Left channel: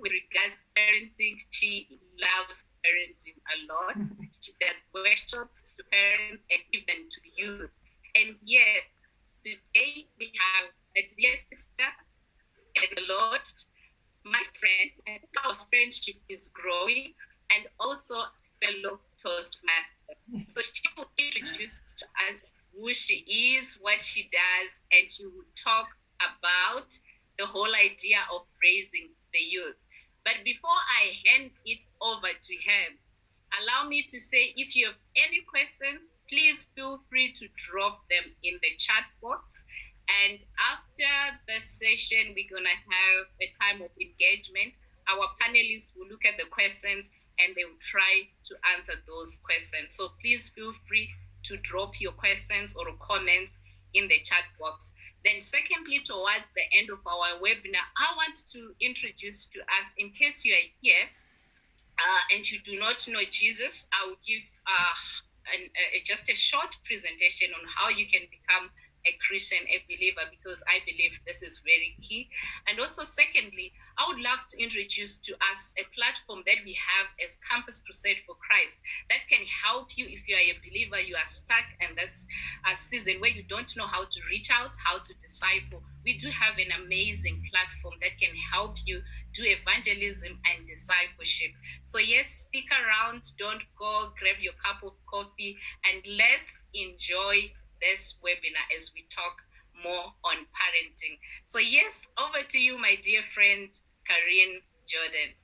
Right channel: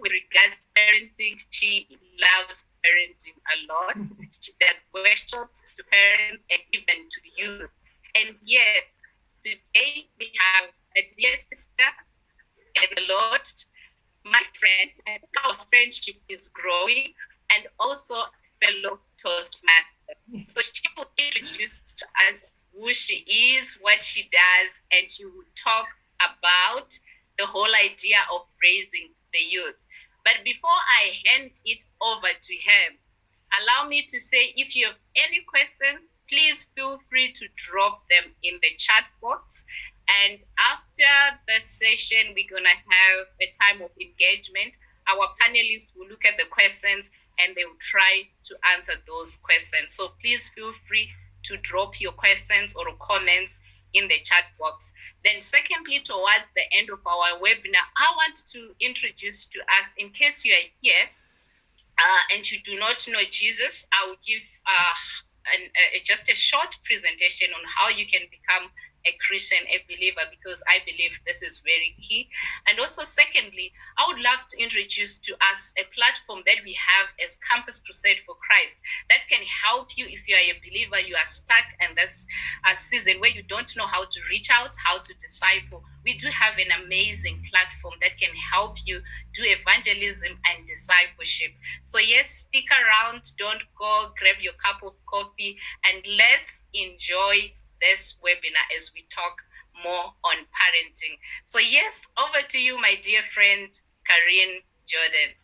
with regards to parenting. She loves parenting a lot. She does workshops to parents and even to youth. And yes, today we have a dear sister in the Lord, my friend, and our friendship is growing, and also a fellow Toastmaster. So she will introduce to us who she is, what she does, and she will talk about the whole idea of raising the youth. But before I hand it over to her, allow me to say, if you have any questions, please feel free to drop them in the chat box. And after the session, we're going to have a time of engagement. Our panelists will look at the questions and they will try to answer those questions. So please feel free to drop your questions or comments in the chat box. Then secondly, towards the end of our webinar, I want to introduce to us, in case you are here and you do not know Jesus, I will give just a short presentation on how you can become a Christian, a believer, because I believe this is very key. And also, secondly, I would love to introduce to us a platform that we have as Campus Crusade for Christ that can help you if you are a believer, you are stuck in this season where you don't know how to reach out, how to disciple. We do have an amazing platform that can help you do evangelism and discipleship. So yes, stick around, don't go, grab your cup of coffee, and let's enjoy this webinar as we talk more on parenting. So yes, over to you, my dear friend, Karine Jordan.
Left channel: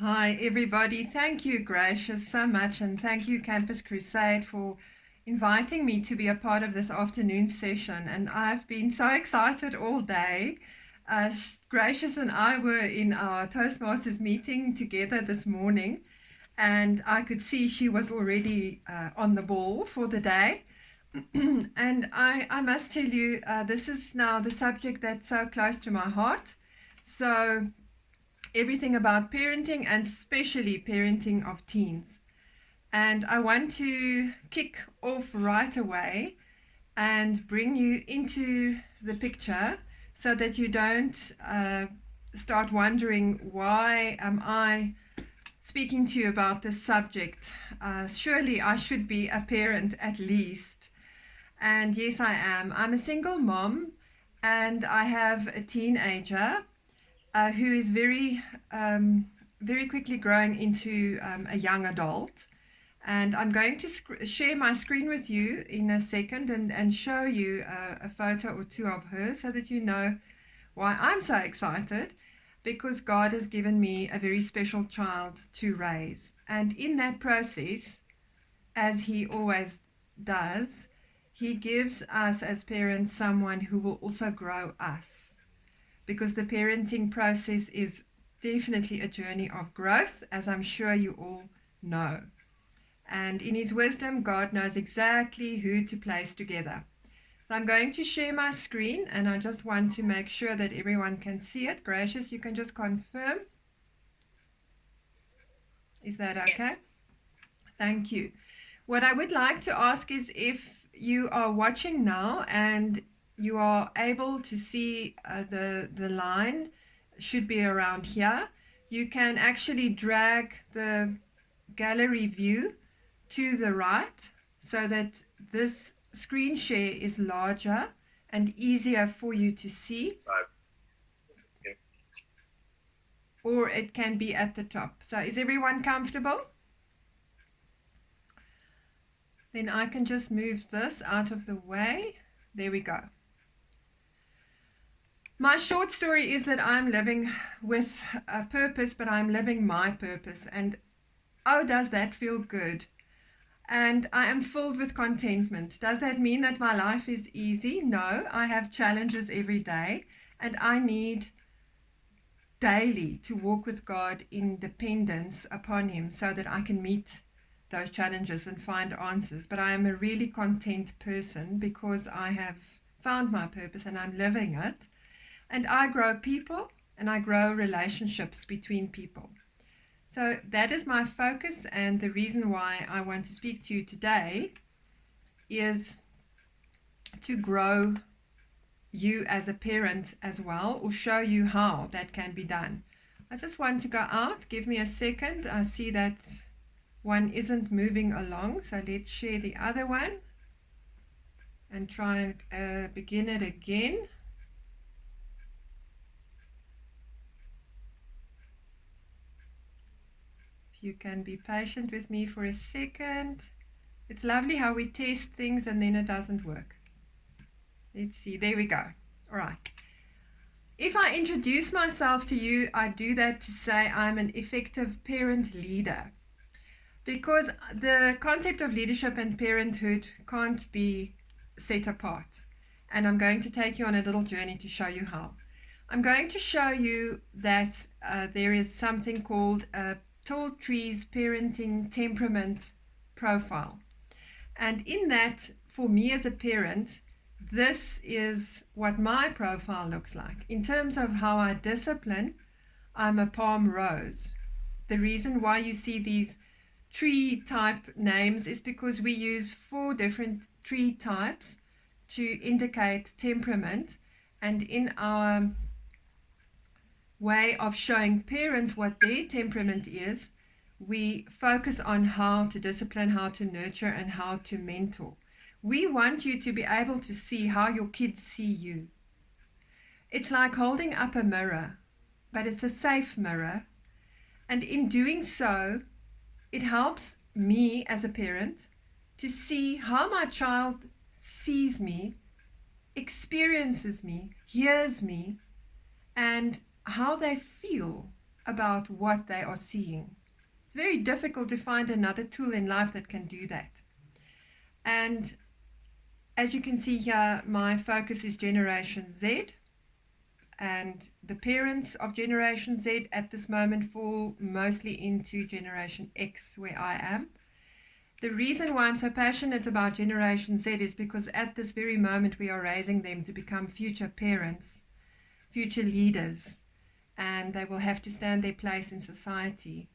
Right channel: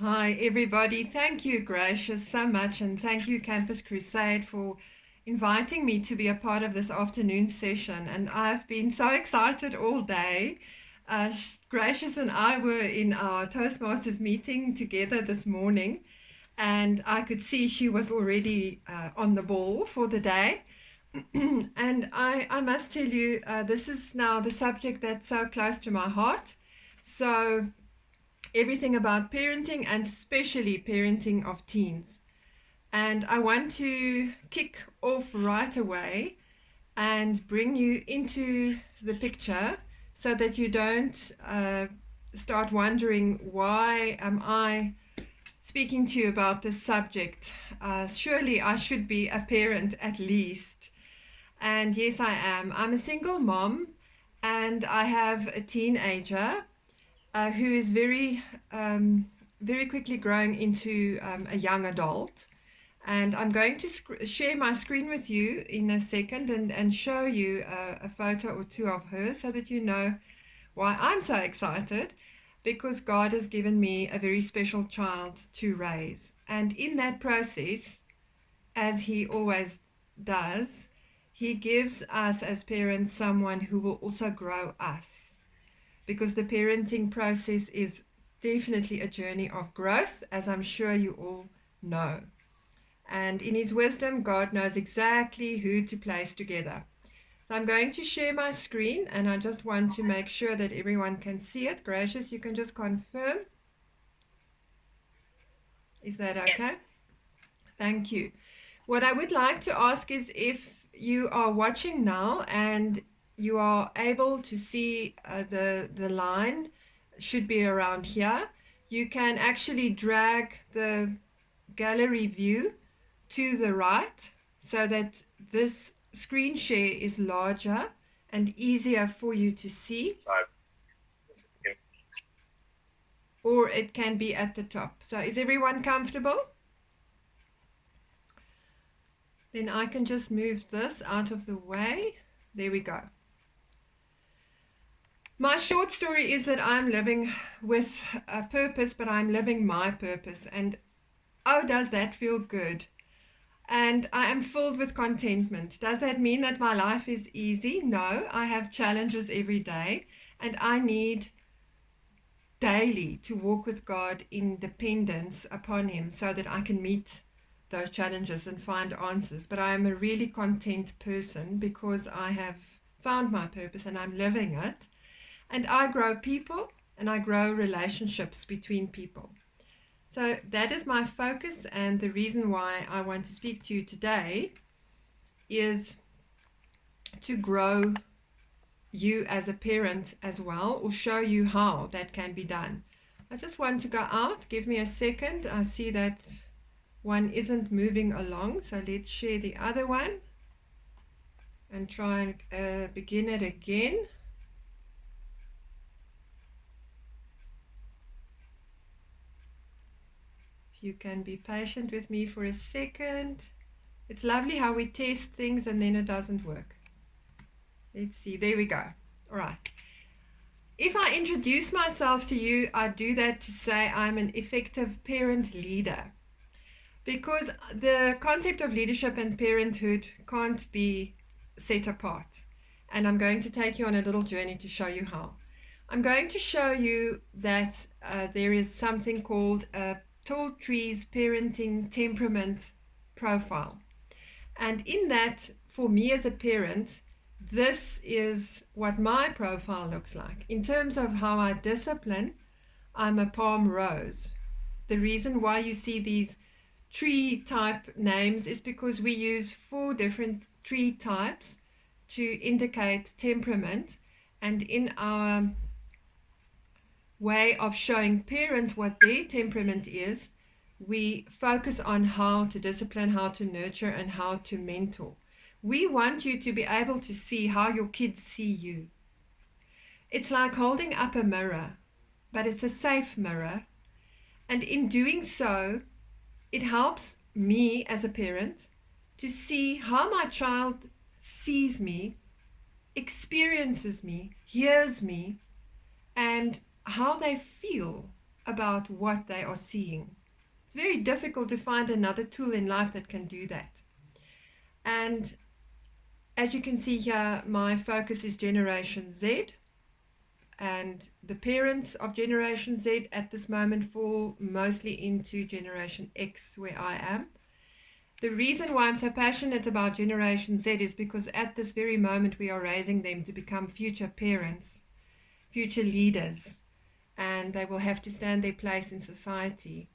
Hi, everybody. Thank you, Gracious, so much. And thank you, Campus Crusade, for inviting me to be a part of this afternoon session. And I've been so excited all day. Gracious and I were in our Toastmasters meeting together this morning, and I could see she was already on the ball for the day. And I must tell you, this is now the subject that's so close to my heart. So everything about parenting, and especially parenting of teens. And I want to kick off right away and bring you into the picture so that you don't start wondering, why am I speaking to you about this subject? Surely I should be a parent at least. And yes, I am. I'm a single mom, and I have a teenager who is very quickly growing into a young adult. And I'm going to share my screen with you in a second and show you a photo or two of her so that you know why I'm so excited, because God has given me a very special child to raise. And in that process, as He always does, He gives us as parents someone who will also grow us, because the parenting process is definitely a journey of growth, as I'm sure you all know. And in His wisdom, God knows exactly who to place together. So I'm going to share my screen, and I just want to make sure that everyone can see it. Gracious, you can just confirm. Is that okay? Yes. Thank you. What I would like to ask is, if you are watching now and you are able to see the line should be around here, you can actually drag the gallery view to the right so that this screen share is larger and easier for you to see, or it can be at the top. So is everyone comfortable? Then I can just move this out of the way. There we go. My short story is that I'm living with a purpose, but I'm living my purpose. And oh, does that feel good? And I am filled with contentment. Does that mean that my life is easy? No, I have challenges every day, and I need daily to walk with God in dependence upon Him so that I can meet those challenges and find answers. But I am a really content person because I have found my purpose and I'm living it. And I grow people and I grow relationships between people. So that is my focus, and the reason why I want to speak to you today is to grow you as a parent as well, or show you how that can be done. I just want to go out. Give me a second. I see that one isn't moving along, so let's share the other one and try and begin it again. If you can be patient with me for a second. It's lovely how we test things and then it doesn't work. Let's see. There we go. All right. If I introduce myself to you, I do that to say I'm an effective parent leader, because the concept of leadership and parenthood can't be set apart. And I'm going to take you on a little journey to show you how. I'm going to show you that there is something called a Tall Trees Parenting Temperament Profile. And in that, for me as a parent, this is what my profile looks like. In terms of how I discipline, I'm a palm rose. The reason why you see these tree type names is because we use 4 different tree types to indicate temperament. And in our way of showing parents what their temperament is, we focus on how to discipline, how to nurture, and how to mentor. We want you to be able to see how your kids see you. It's like holding up a mirror, but it's a safe mirror. And in doing so, it helps me as a parent to see how my child sees me, experiences me, hears me, and how they feel about what they are seeing. It's very difficult to find another tool in life that can do that. And as you can see here, my focus is Generation Z, and the parents of Generation Z at this moment fall mostly into Generation X, where I am. The reason why I'm so passionate about Generation Z is because at this very moment we are raising them to become future parents, future leaders, and they will have to stand their place in society.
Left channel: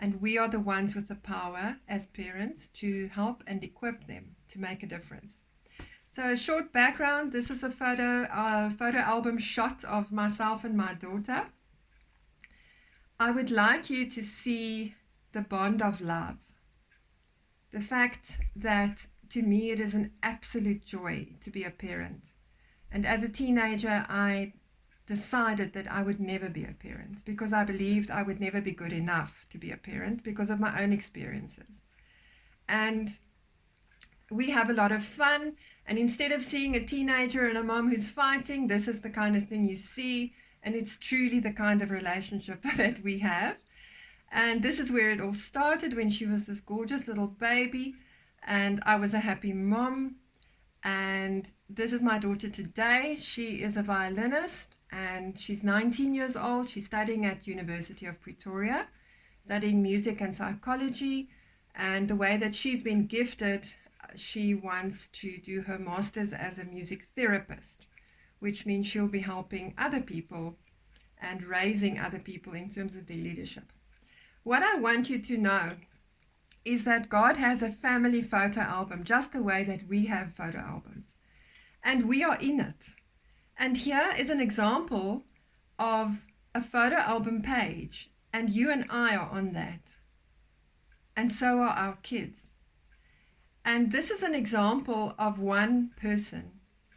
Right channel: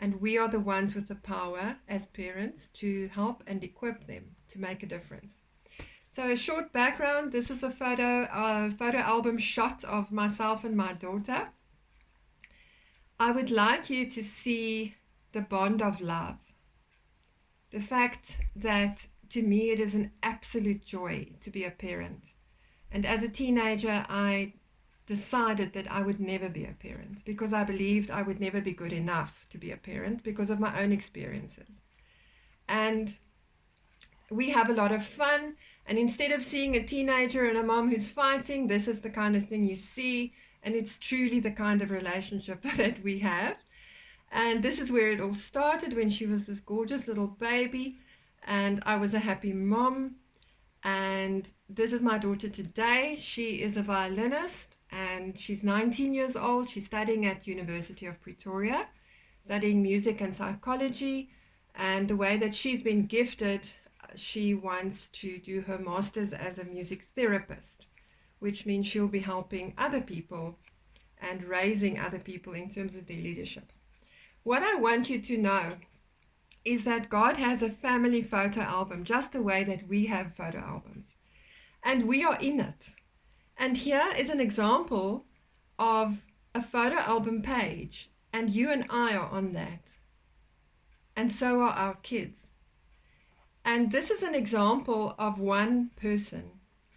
And we are the ones with the power as parents to help and equip them to make a difference. So a short background, this is a photo album shot of myself and my daughter. I would like you to see the bond of love. The fact that to me it is an absolute joy to be a parent. And as a teenager, I decided that I would never be a parent because I believed I would never be good enough to be a parent because of my own experiences. And we have a lot of fun. And instead of seeing a teenager and a mom who's fighting, this is the kind of thing you see. And it's truly the kind of relationship that we have. And this is where it all started, when she was this gorgeous little baby. And I was a happy mom. And this is my daughter today. She is a violinist and she's 19 years old. She's studying at University of Pretoria, studying music and psychology. And the way that she's been gifted, she wants to do her master's as a music therapist, which means she'll be helping other people and raising other people in terms of their leadership. What I want you to know is that God has a family photo album, just the way that we have photo albums. And we are in it. And here is an example of a photo album page. And you and I are on that. And so are our kids. And this is an example of one person.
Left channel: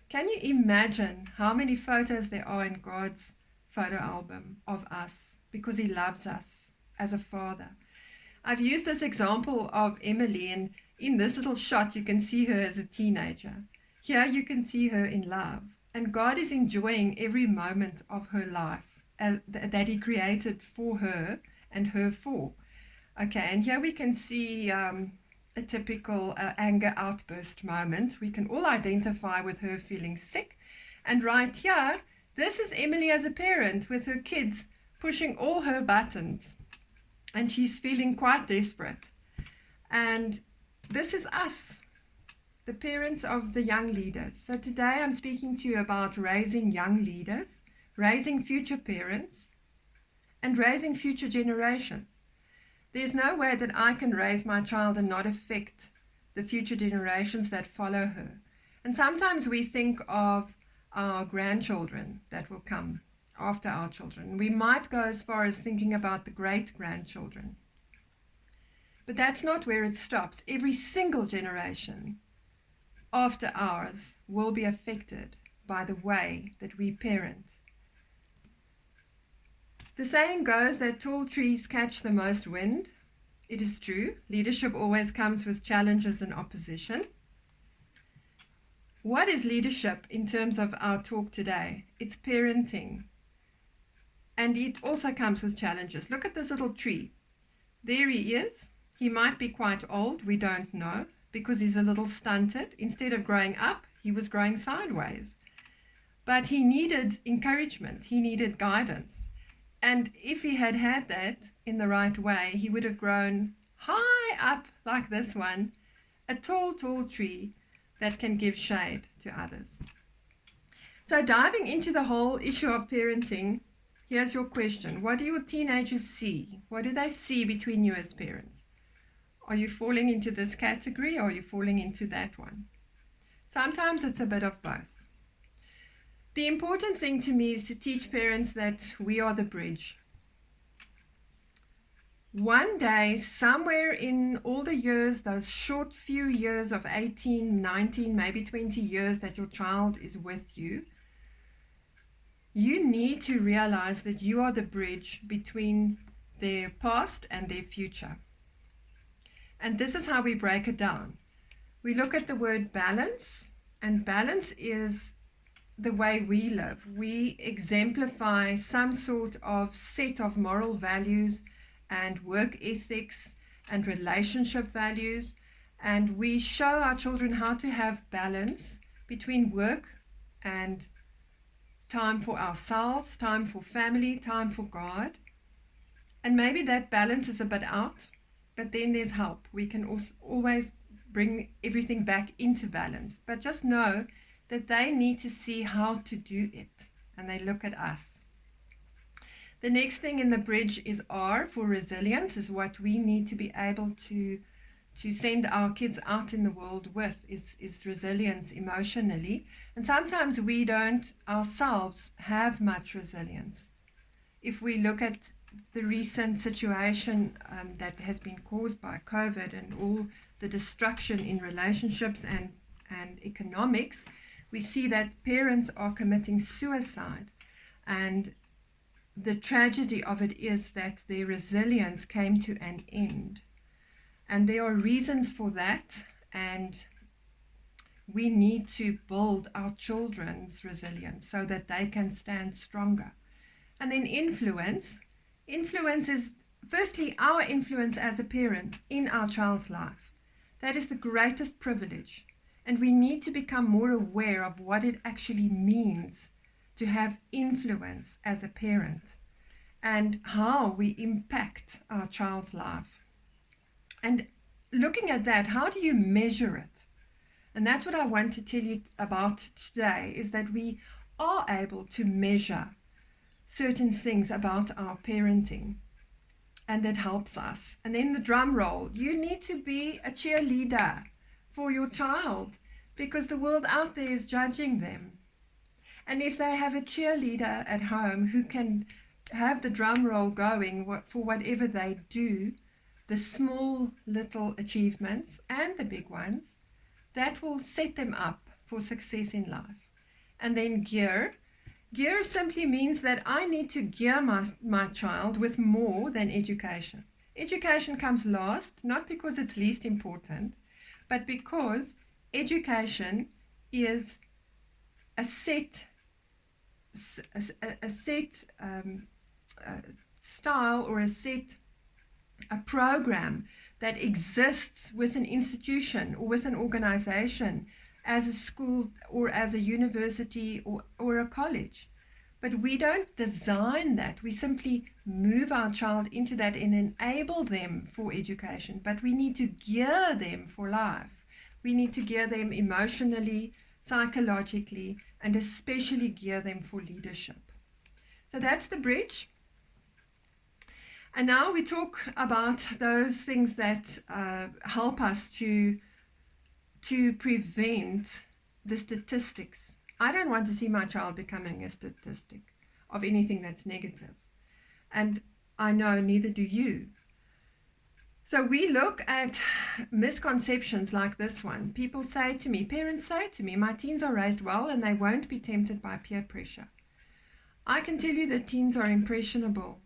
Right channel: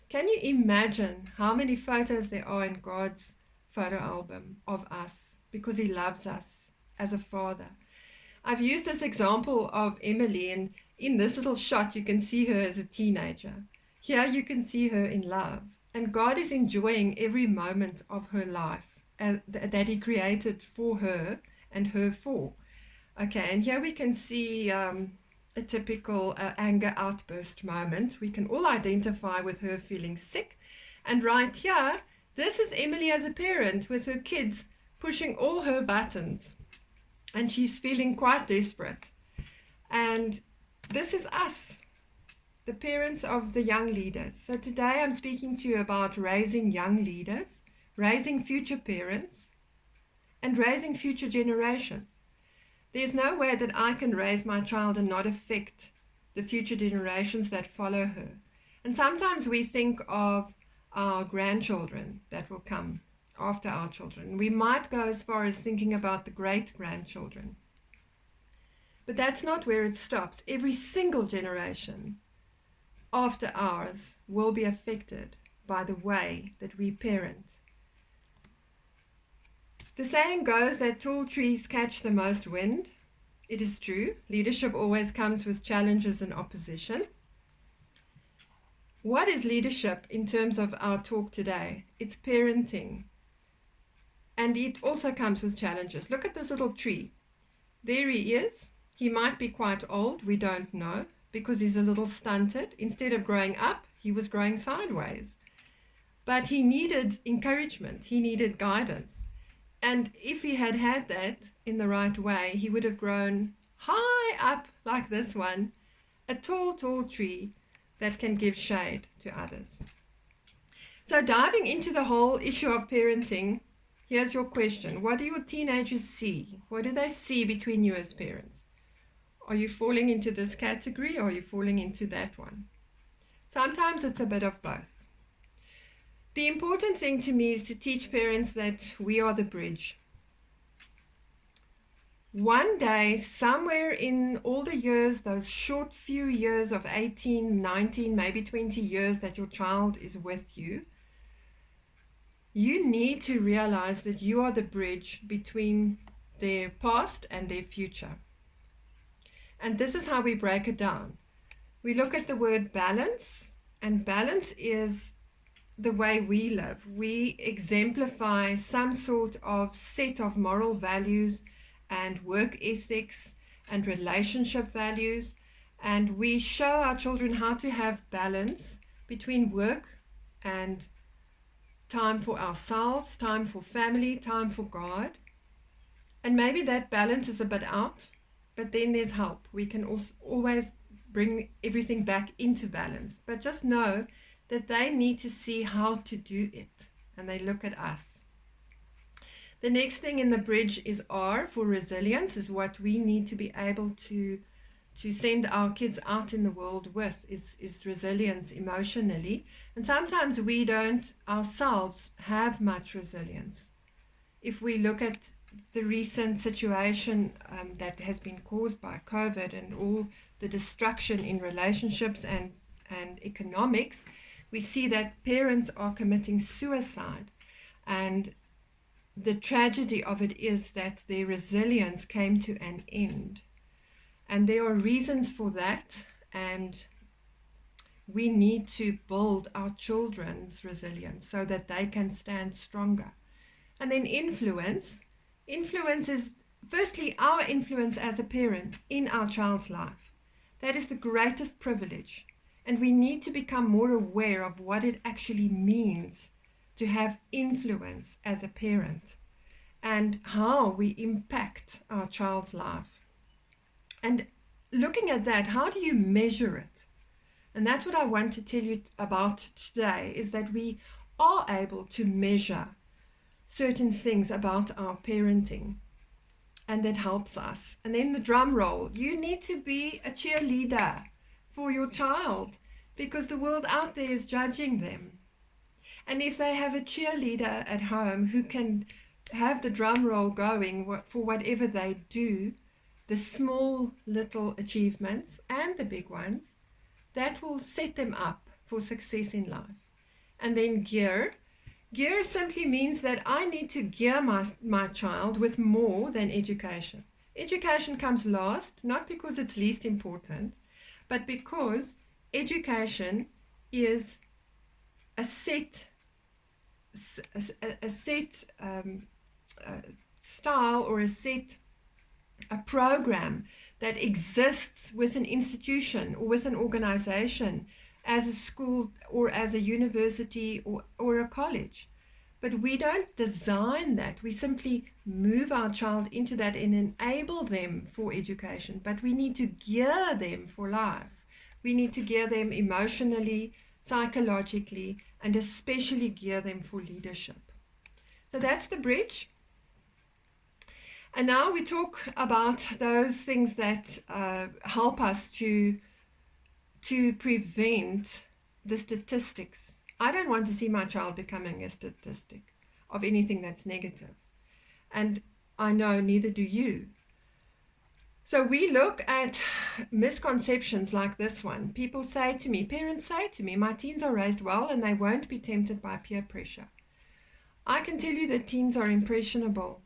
Can you imagine how many photos there are in God's photo album of us? Because He loves us as a father. I've used this example of Emily, and in this little shot you can see her as a teenager. Here you can see her in love. And God is enjoying every moment of her life that He created for her and her for. Okay, and here we can see a typical anger outburst moment. We can all identify with her feeling sick. And right here, this is Emily as a parent with her kids pushing all her buttons. And she's feeling quite desperate. And this is us, the parents of the young leaders. So today I'm speaking to you about raising young leaders, raising future parents, and raising future generations. There's no way that I can raise my child and not affect the future generations that follow her. And sometimes we think of our grandchildren that will come after our children. We might go as far as thinking about the great grandchildren. But that's not where it stops. Every single generation after ours will be affected by the way that we parent. The saying goes that tall trees catch the most wind. It is true. Leadership always comes with challenges and opposition. What is leadership in terms of our talk today? It's parenting. And it also comes with challenges. Look at this little tree. There he is. He might be quite old, we don't know, because he's a little stunted. Instead of growing up, he was growing sideways. But he needed encouragement. He needed guidance. And if he had had that in the right way, he would have grown high up like this one, a tall, tall tree that can give shade to others. So diving into the whole issue of parenting, here's your question. What do your teenagers see? What do they see between you as parents? Are you falling into this category or are you falling into that one? Sometimes it's a bit of both. The important thing to me is to teach parents that we are the bridge. One day, somewhere in all the years, those short few years of 18, 19, maybe 20 years that your child is with you, you need to realize that you are the bridge between their past and their future. And this is how we break it down. We look at the word balance, and balance is the way we live. We exemplify some sort of set of moral values and work ethics and relationship values, and we show our children how to have balance between work and time for ourselves, time for family, time for God. And maybe that balance is a bit out, but then there's help. We can also always bring everything back into balance, but just know that they need to see how to do it, and they look at us. The next thing in the bridge is R for resilience, is what we need to be able to send our kids out in the world with, is resilience emotionally. And sometimes we don't ourselves have much resilience. If we look at the recent situation that has been caused by COVID and all the destruction in relationships and economics, we see that parents are committing suicide. And the tragedy of it is that their resilience came to an end. And there are reasons for that, and we need to build our children's resilience so that they can stand stronger. And then influence. Influence is firstly our influence as a parent in our child's life. That is the greatest privilege. And we need to become more aware of what it actually means to have influence as a parent and how we impact our child's life. And looking at that, how do you measure it? And that's what I want to tell you about today, is that we are able to measure certain things about our parenting, and that helps us. And then the drum roll, you need to be a cheerleader for your child, because the world out there is judging them. And if they have a cheerleader at home who can have the drum roll going for whatever they do, the small little achievements and the big ones, that will set them up for success in life. And then gear. Gear simply means that I need to gear my child with more than education. Education comes last, not because it's least important, but because education is a set style or a program that exists with an institution or with an organization, as a school or as a university or a college. But we don't design that. We simply move our child into that and enable them for education. But we need to gear them for life. We need to gear them emotionally, psychologically, and especially gear them for leadership. So that's the bridge. And now we talk about those things that help us to prevent the statistics I don't want to see my child becoming a statistic of anything that's negative. And I know neither do you. So we look at misconceptions like this one. People say to me, parents say to me, my teens are raised well and they won't be tempted by peer pressure. I can tell you that teens are impressionable.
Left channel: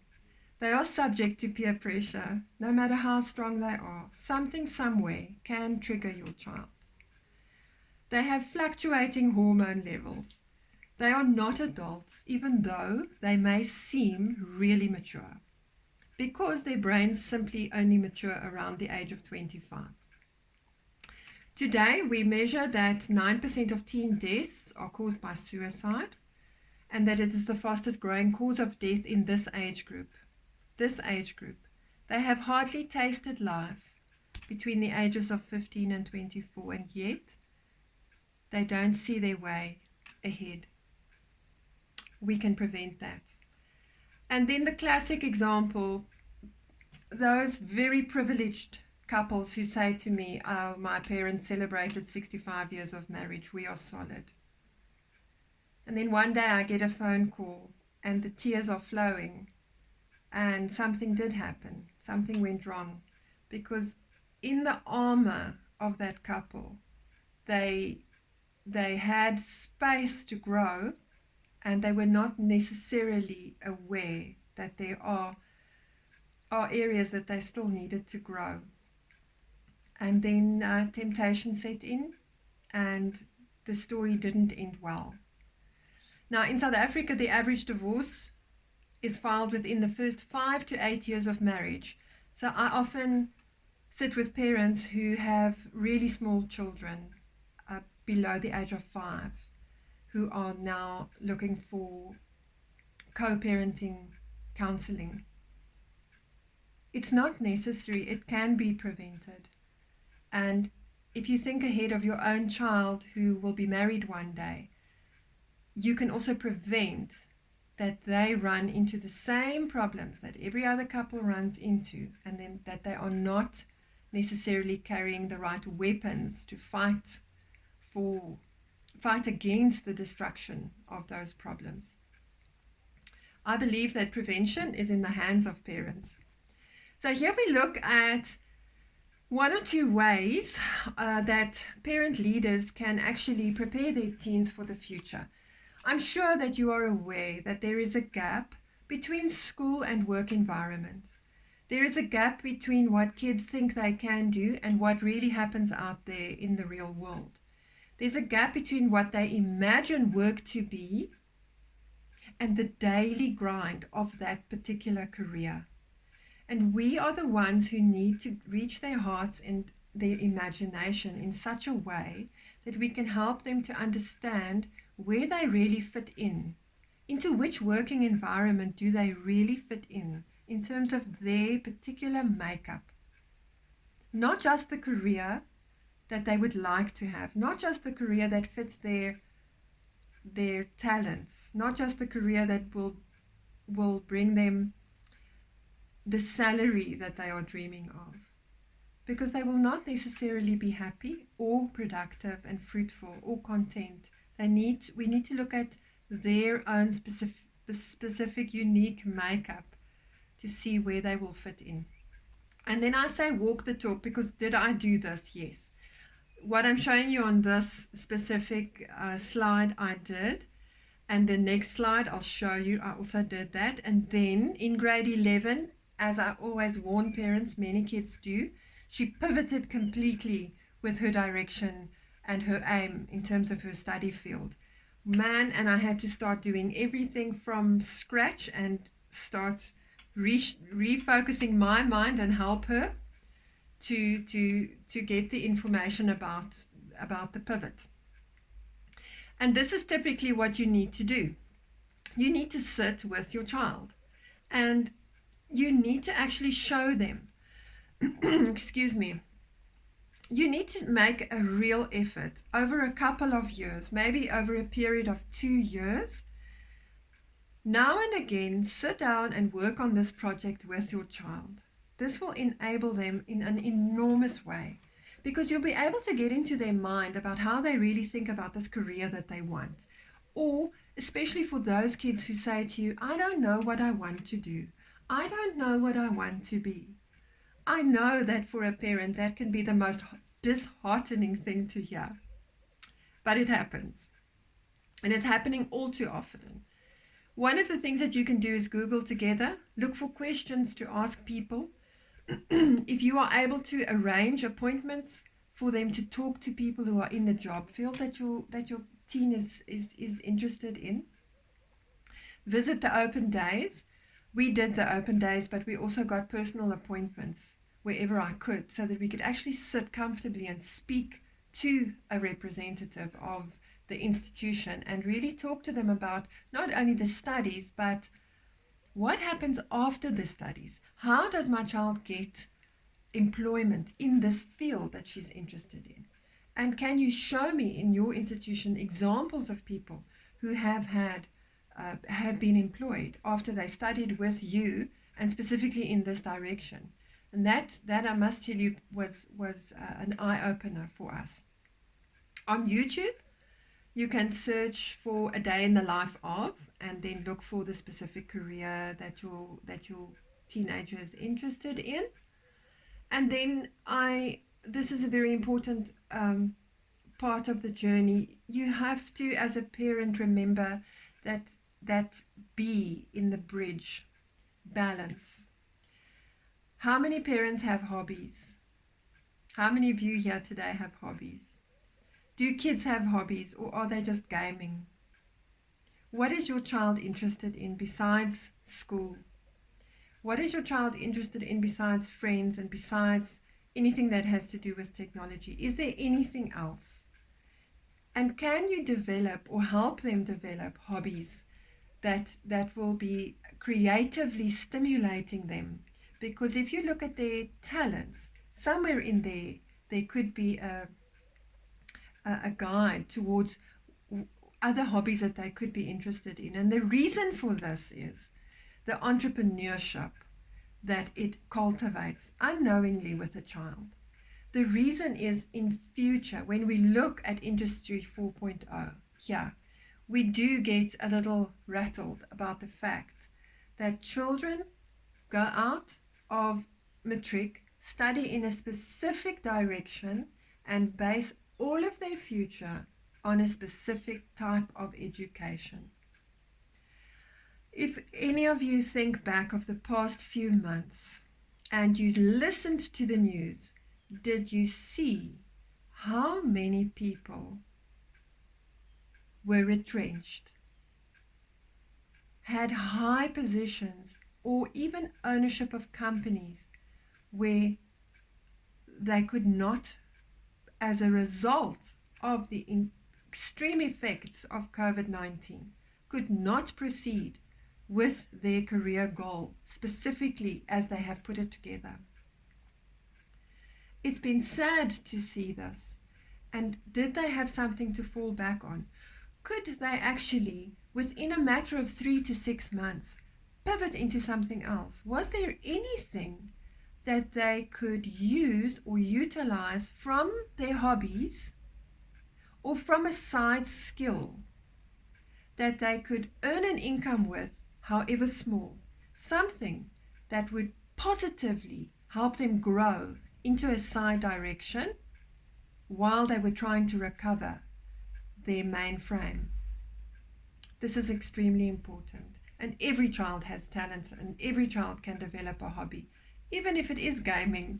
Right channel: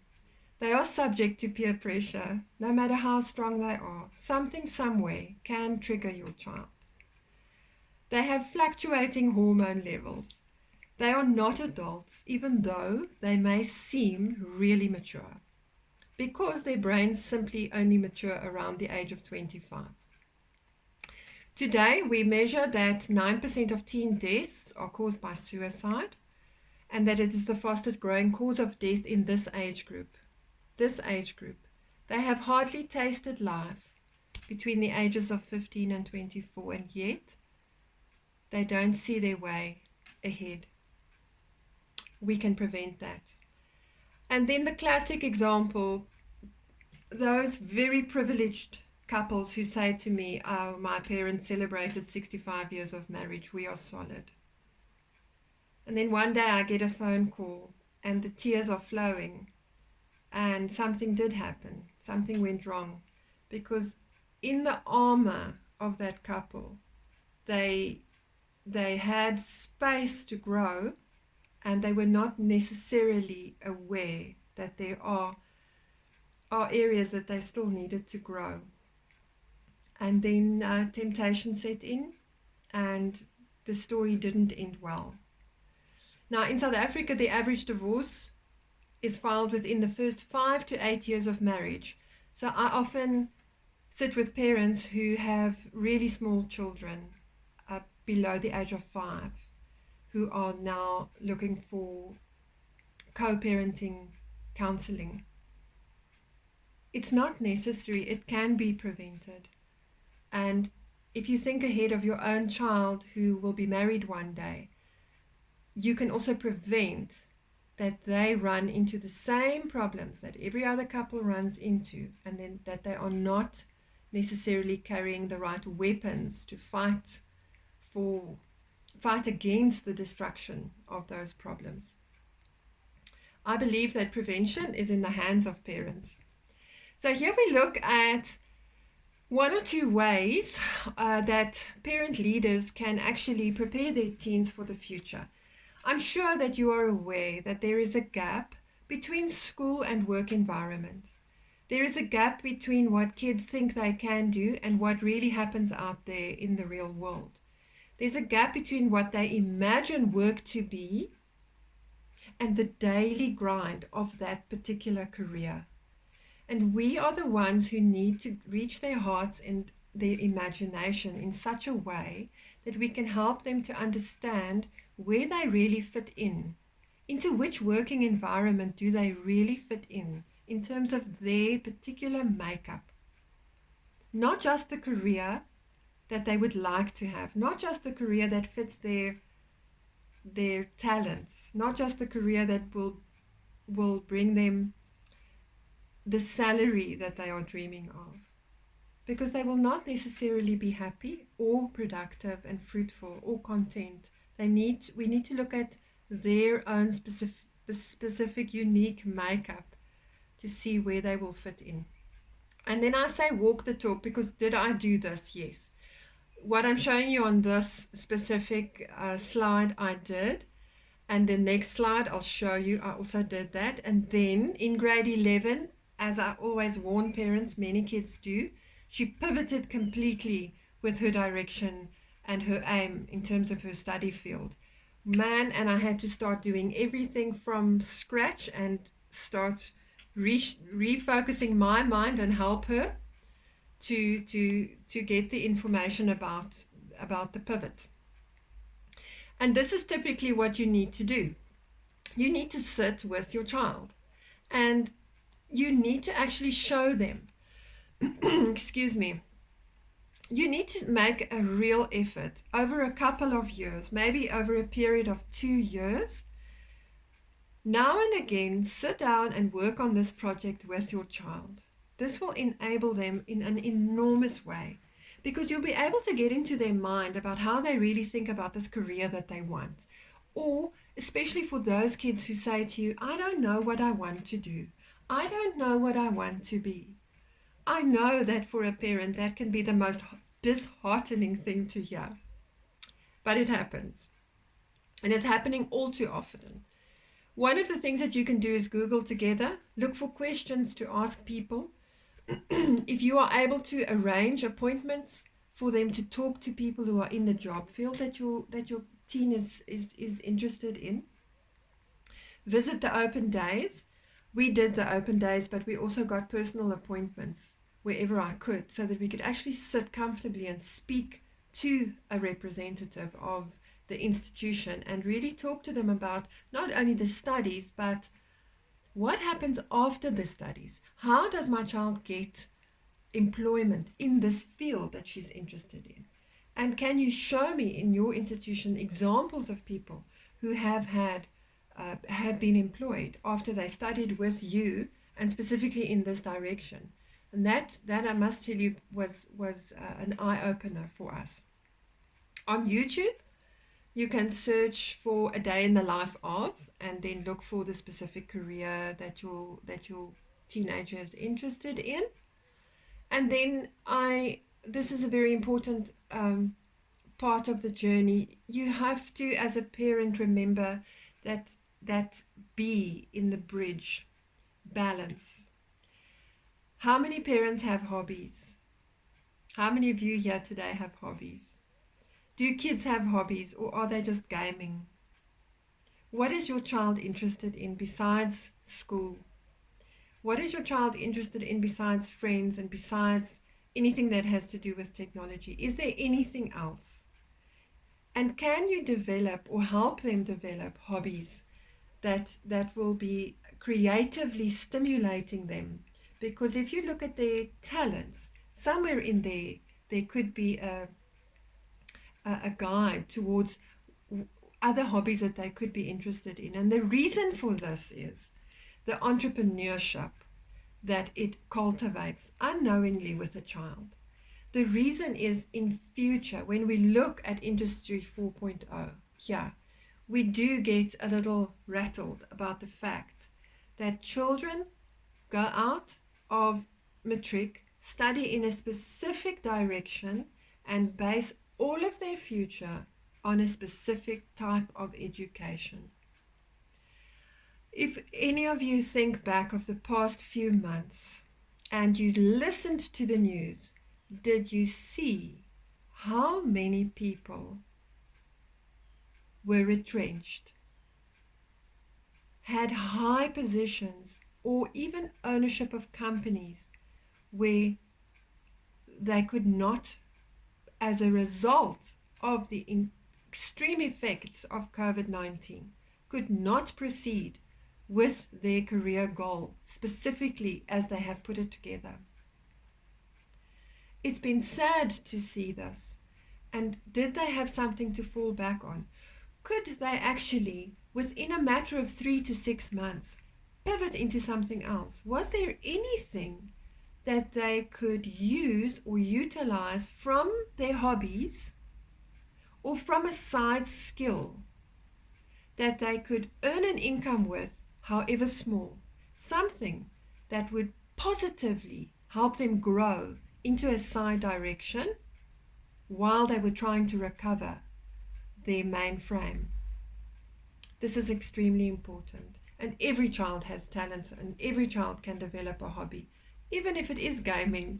They are subject to peer pressure, no matter how strong they are. Something, somewhere can trigger your child. They have fluctuating hormone levels. They are not adults, even though they may seem really mature, because their brains simply only mature around the age of 25. Today, we measure that 9% of teen deaths are caused by suicide, and that it is the fastest growing cause of death in this age group. This age group. They have hardly tasted life between the ages of 15 and 24, and yet they don't see their way ahead. We can prevent that. And then the classic example, those very privileged couples who say to me, oh, my parents celebrated 65 years of marriage, we are solid. And then one day I get a phone call and the tears are flowing, and something did happen. Something went wrong, because in the armor of that couple, they had space to grow, and they were not necessarily aware that there are areas that they still needed to grow. And then temptation set in, and the story didn't end well. Now, in South Africa, the average divorce is filed within the first 5 to 8 years of marriage. So I often sit with parents who have really small children below the age of 5, who are now looking for co-parenting counseling. It's not necessary. It can be prevented. And if you think ahead of your own child who will be married one day, you can also prevent that they run into the same problems that every other couple runs into, and then that they are not necessarily carrying the right weapons to fight against the destruction of those problems. I believe that prevention is in the hands of parents. So here we look at one or two ways that parent leaders can actually prepare their teens for the future. I'm sure that you are aware that there is a gap between school and work environment. There is a gap between what kids think they can do and what really happens out there in the real world. There's a gap between what they imagine work to be and the daily grind of that particular career. And we are the ones who need to reach their hearts and their imagination in such a way that we can help them to understand where they really fit in. Into which working environment do they really fit in terms of their particular makeup? Not just the career that they would like to have, not just the career that fits their talents, not just the career that will bring them the salary that they are dreaming of, because they will not necessarily be happy or productive and fruitful or content. We need to look at their own specific unique makeup to see where they will fit in. And then I say walk the talk, because did I do this? Yes. What I'm showing you on this specific slide, I did. And the next slide I'll show you, I also did that. And then in grade 11, as I always warn parents, many kids do, she pivoted completely with her direction and her aim in terms of her study field. And I had to start doing everything from scratch and start refocusing my mind and help her to get the information about the pivot. And this is typically what you need to do. You need to sit with your child and you need to actually show them, excuse me, you need to make a real effort over a couple of years, maybe over a period of 2 years. Now and again, sit down and work on this project with your child. This will enable them in an enormous way, because you'll be able to get into their mind about how they really think about this career that they want. Or especially for those kids who say to you, I don't know what I want to do. I don't know what I want to be. I know that for a parent, that can be the most disheartening thing to hear. But it happens. And it's happening all too often. One of the things that you can do is Google together, look for questions to ask people. If you are able to arrange appointments for them to talk to people who are in the job field that your teen is interested in, visit the open days. We did the open days, but we also got personal appointments wherever I could so that we could actually sit comfortably and speak to a representative of the institution and really talk to them about not only the studies, but what happens after the studies. How does my child get employment in this field that she's interested in? And can you show me in your institution examples of people who have been employed after they studied with you and specifically in this direction? And that I must tell you was an eye-opener for us. On YouTube, you can search for a day in the life of, and then look for the specific career that your teenager is interested in. And then this is a very important part of the journey. You have to, as a parent, remember that B in the bridge, balance. How many parents have hobbies? How many of you here today have hobbies? Do kids have hobbies, or are they just gaming? What is your child interested in besides school? What is your child interested in besides friends and besides anything that has to do with technology? Is there anything else? And can you develop or help them develop hobbies that will be creatively stimulating them? Because if you look at their talents, somewhere in there could be a guide towards other hobbies that they could be interested in. And the reason for this is the entrepreneurship that it cultivates unknowingly with a child. The reason is in future, when we look at Industry 4.0, we do get a little rattled about the fact that children go out of matric, study in a specific direction, and base all of their future on a specific type of education. If any of you think back of the past few months and you listened to the news, did you see how many people were retrenched, had high positions, or even ownership of companies where they could not, as a result of the extreme effects of COVID-19, could not proceed with their career goal, specifically as they have put it together? It's been sad to see this. And did they have something to fall back on? Could they actually, within a matter of 3 to 6 months, pivot into something else? Was there anything that they could use or utilize from their hobbies or from a side skill that they could earn an income with, however small, something that would positively help them grow into a side direction while they were trying to recover their mainframe? This is extremely important. And every child has talents, and every child can develop a hobby, even if it is gaming,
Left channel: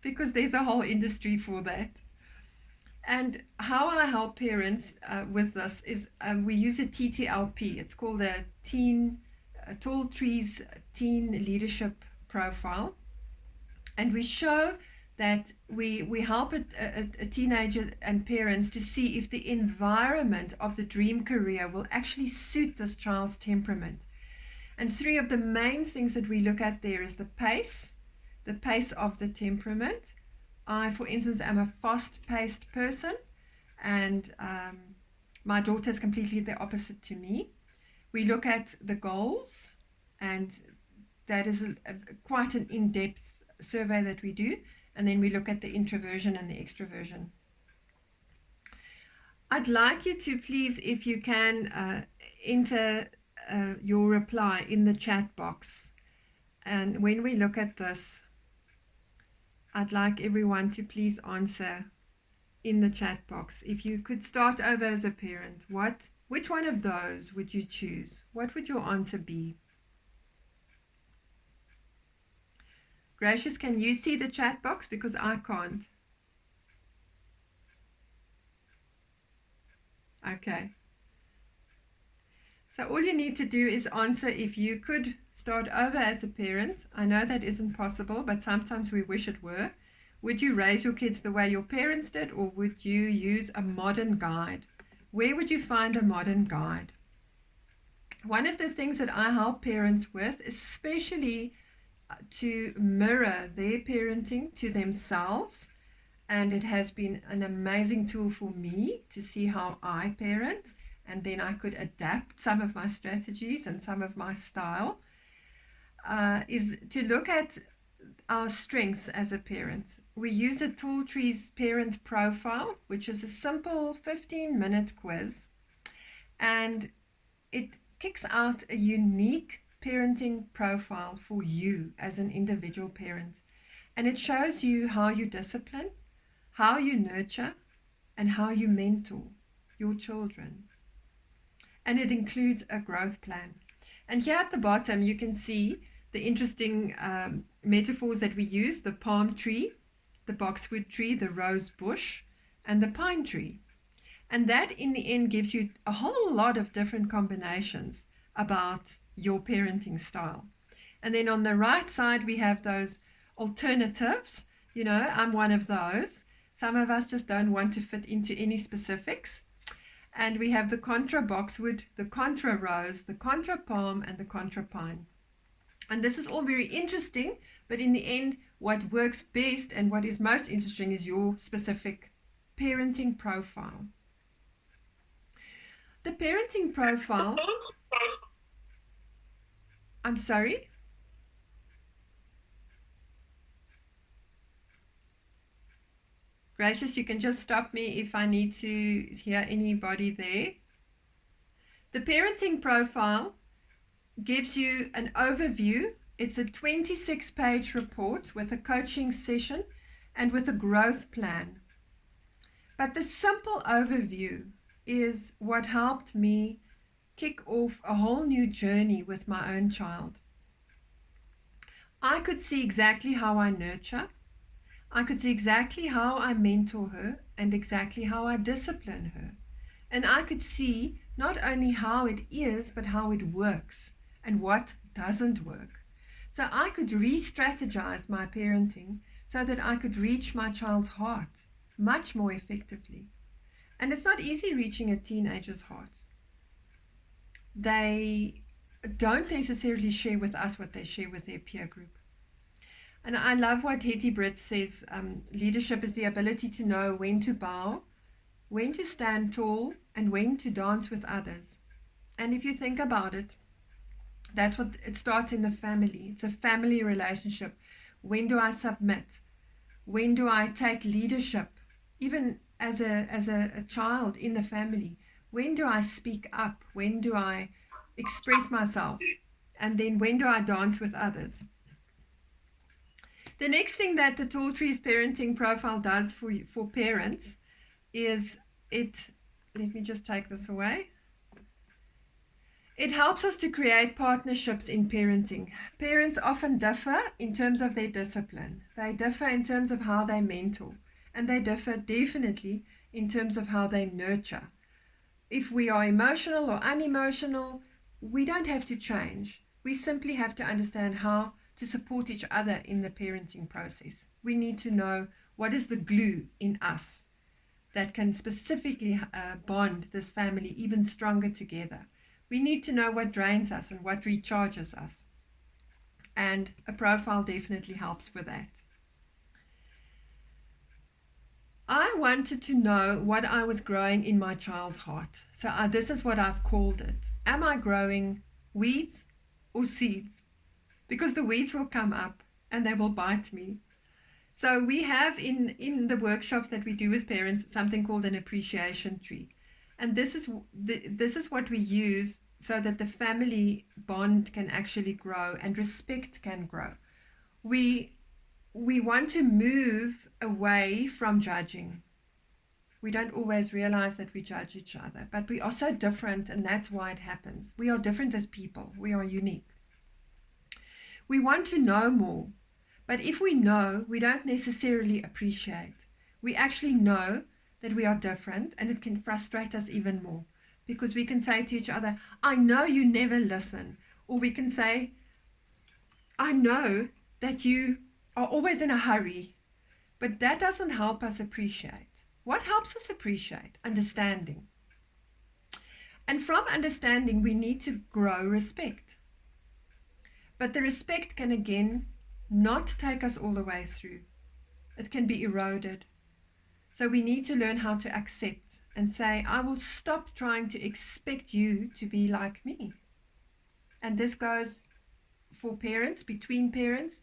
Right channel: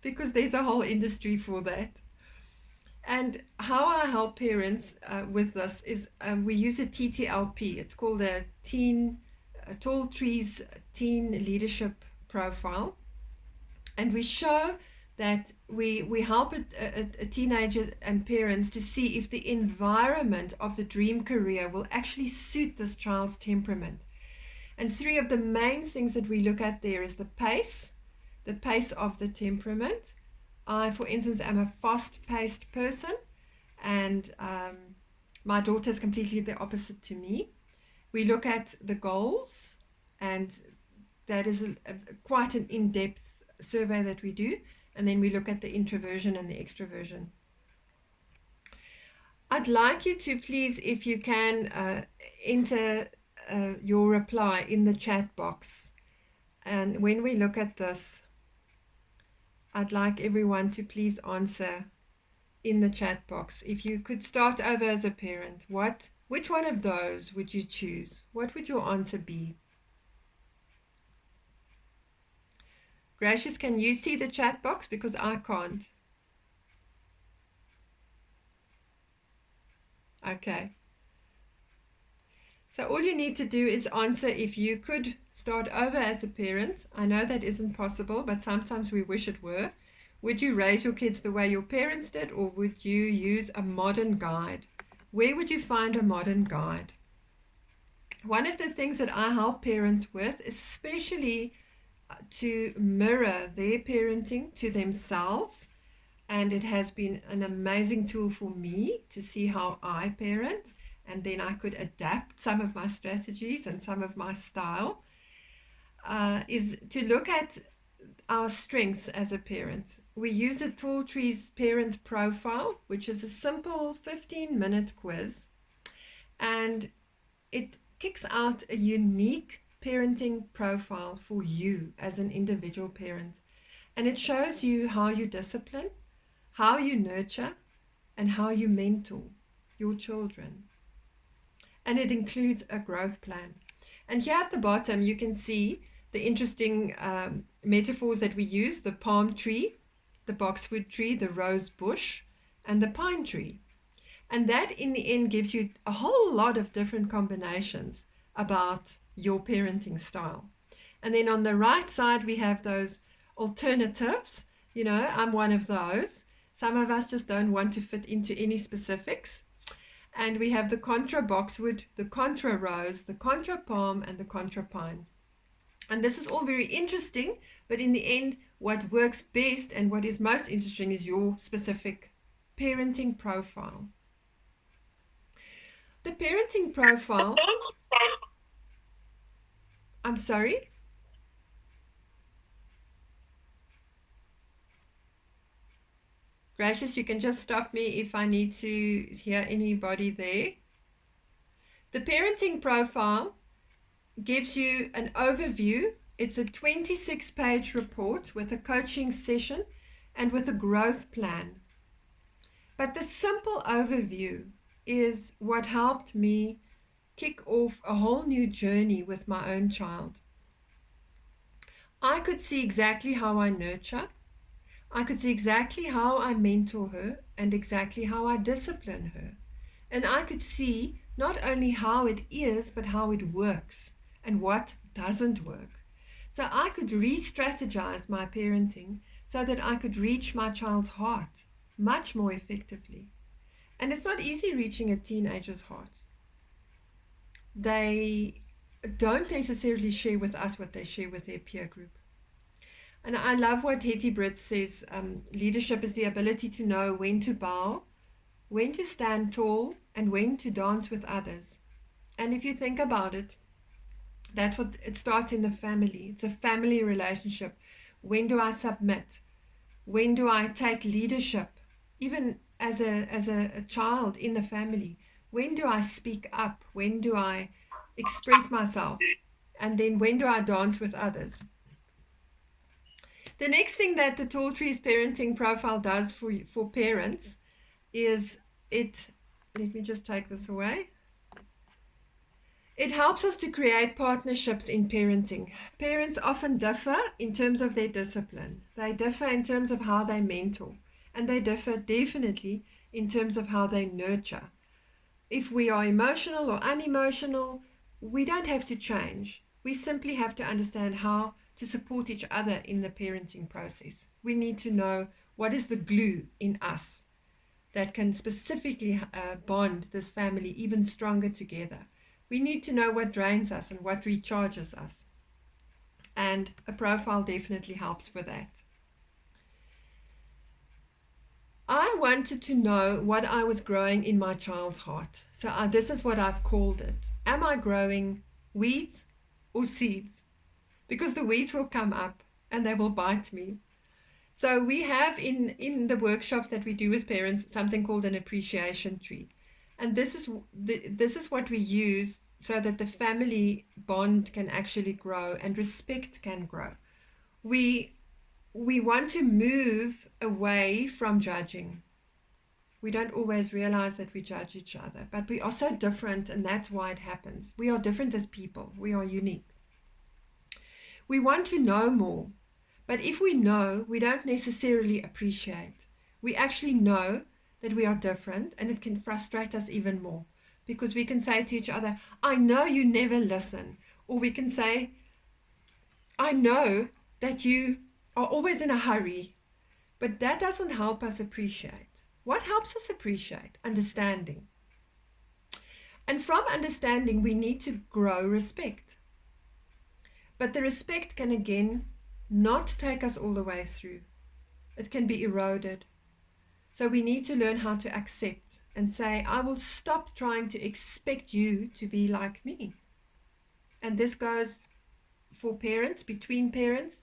because there's a whole industry for that. And how I help parents with this is we use a TTLP. It's called a Tall Trees Teen Leadership Profile. And we show that we help a teenager and parents to see if the environment of the dream career will actually suit this child's temperament. And 3 of the main things that we look at there is the pace of the temperament. I, for instance, am a fast-paced person, and my daughter is completely the opposite to me. We look at the goals, and that is quite an in-depth survey that we do. And then we look at the introversion and the extroversion. I'd like you to please, if you can, enter your reply in the chat box. And when we look at this, I'd like everyone to please answer in the chat box. If you could start over as a parent, which one of those would you choose? What would your answer be? Gracious, can you see the chat box? Because I can't. Okay. So all you need to do is answer if you could start over as a parent. I know that isn't possible, but sometimes we wish it were. Would you raise your kids the way your parents did, or would you use a modern guide? Where would you find a modern guide? One of the things that I help parents with, especially to mirror their parenting to themselves, and it has been an amazing tool for me to see how I parent, and then I could adapt some of my strategies and some of my style, is to look at our strengths as a parent. We use a Tall Trees Parent Profile, which is a simple 15-minute quiz, and it kicks out a unique parenting profile for you as an individual parent. And it shows you how you discipline, how you nurture, and how you mentor your children. And it includes a growth plan. And here at the bottom, you can see the interesting metaphors that we use: the palm tree, the boxwood tree, the rose bush, and the pine tree. And that in the end gives you a whole lot of different combinations about your parenting style. And then on the right side, we have those alternatives. You know, I'm one of those. Some of us just don't want to fit into any specifics. And we have the contra boxwood, the contra rose, the contra palm, and the contra pine. And this is all very interesting, but in the end, what works best and what is most interesting is your specific parenting profile. The parenting profile, I'm sorry? Gracious, you can just stop me if I need to hear anybody there. The parenting profile gives you an overview. It's a 26-page report with a coaching session and with a growth plan. But the simple overview is what helped me kick off a whole new journey with my own child. I could see exactly how I nurture. I could see exactly how I mentor her and exactly how I discipline her. And I could see not only how it is, but how it works and what doesn't work. So I could re-strategize my parenting so that I could reach my child's heart much more effectively. And it's not easy reaching a teenager's heart. They don't necessarily share with us what they share with their peer group. And I love what Hetty Britt says, leadership is the ability to know when to bow, when to stand tall, and when to dance with others. And if you think about it, that's what it starts in the family. It's a family relationship. When do I submit? When do I take leadership? Even as a child in the family, when do I speak up? When do I express myself? And then when do I dance with others? The next thing that the Tall Trees Parenting Profile does for parents is let me just take this away. It helps us to create partnerships in parenting. Parents often differ in terms of their discipline. They differ in terms of how they mentor. And they differ definitely in terms of how they nurture. If we are emotional or unemotional, we don't have to change. We simply have to understand how to support each other in the parenting process. We need to know what is the glue in us that can specifically bond this family even stronger together. We need to know what drains us and what recharges us. And a profile definitely helps with that. I wanted to know what I was growing in my child's heart. So this is what I've called it. Am I growing weeds or seeds? Because the weeds will come up and they will bite me. So we have in the workshops that we do with parents something called an appreciation tree, and this is what we use so that the family bond can actually grow and respect can grow. We we want to move away from judging. We don't always realize that we judge each other, but we are so different, and that's why it happens. We are different as people. We are unique. We want to know more. But if we know, we don't necessarily appreciate. We actually know that we are different, and it can frustrate us even more because we can say to each other, I know you never listen. Or we can say, I know that you are always in a hurry. But that doesn't help us appreciate. What helps us appreciate? Understanding. And from understanding, we need to grow respect. But the respect can again not take us all the way through. It can be eroded. So we need to learn how to accept and say, I will stop trying to expect you to be like me. And this goes for parents, between parents,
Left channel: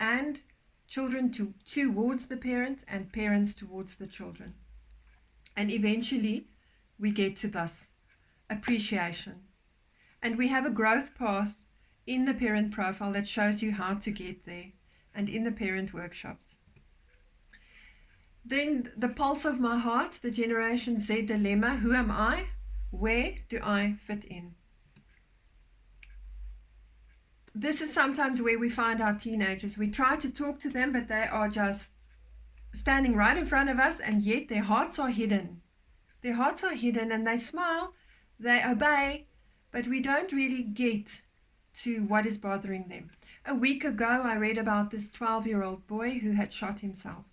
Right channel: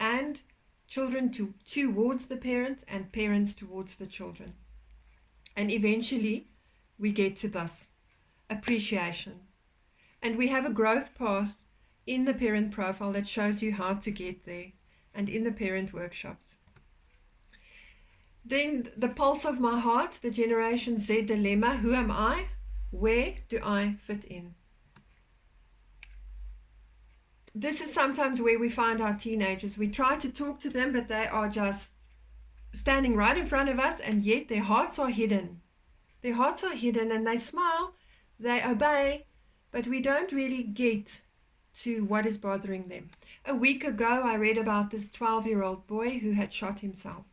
and children towards the parent, and parents towards the children. And eventually we get to this appreciation. And we have a growth path in the parent profile that shows you how to get there, and in the parent workshops. Then the pulse of my heart, the Generation Z dilemma. Who am I? Where do I fit in? This is sometimes where we find our teenagers. We try to talk to them, but they are just standing right in front of us, and yet their hearts are hidden. Their hearts are hidden, and they smile, they obey, but we don't really get to what is bothering them. A week ago, I read about this 12-year-old boy who had shot himself.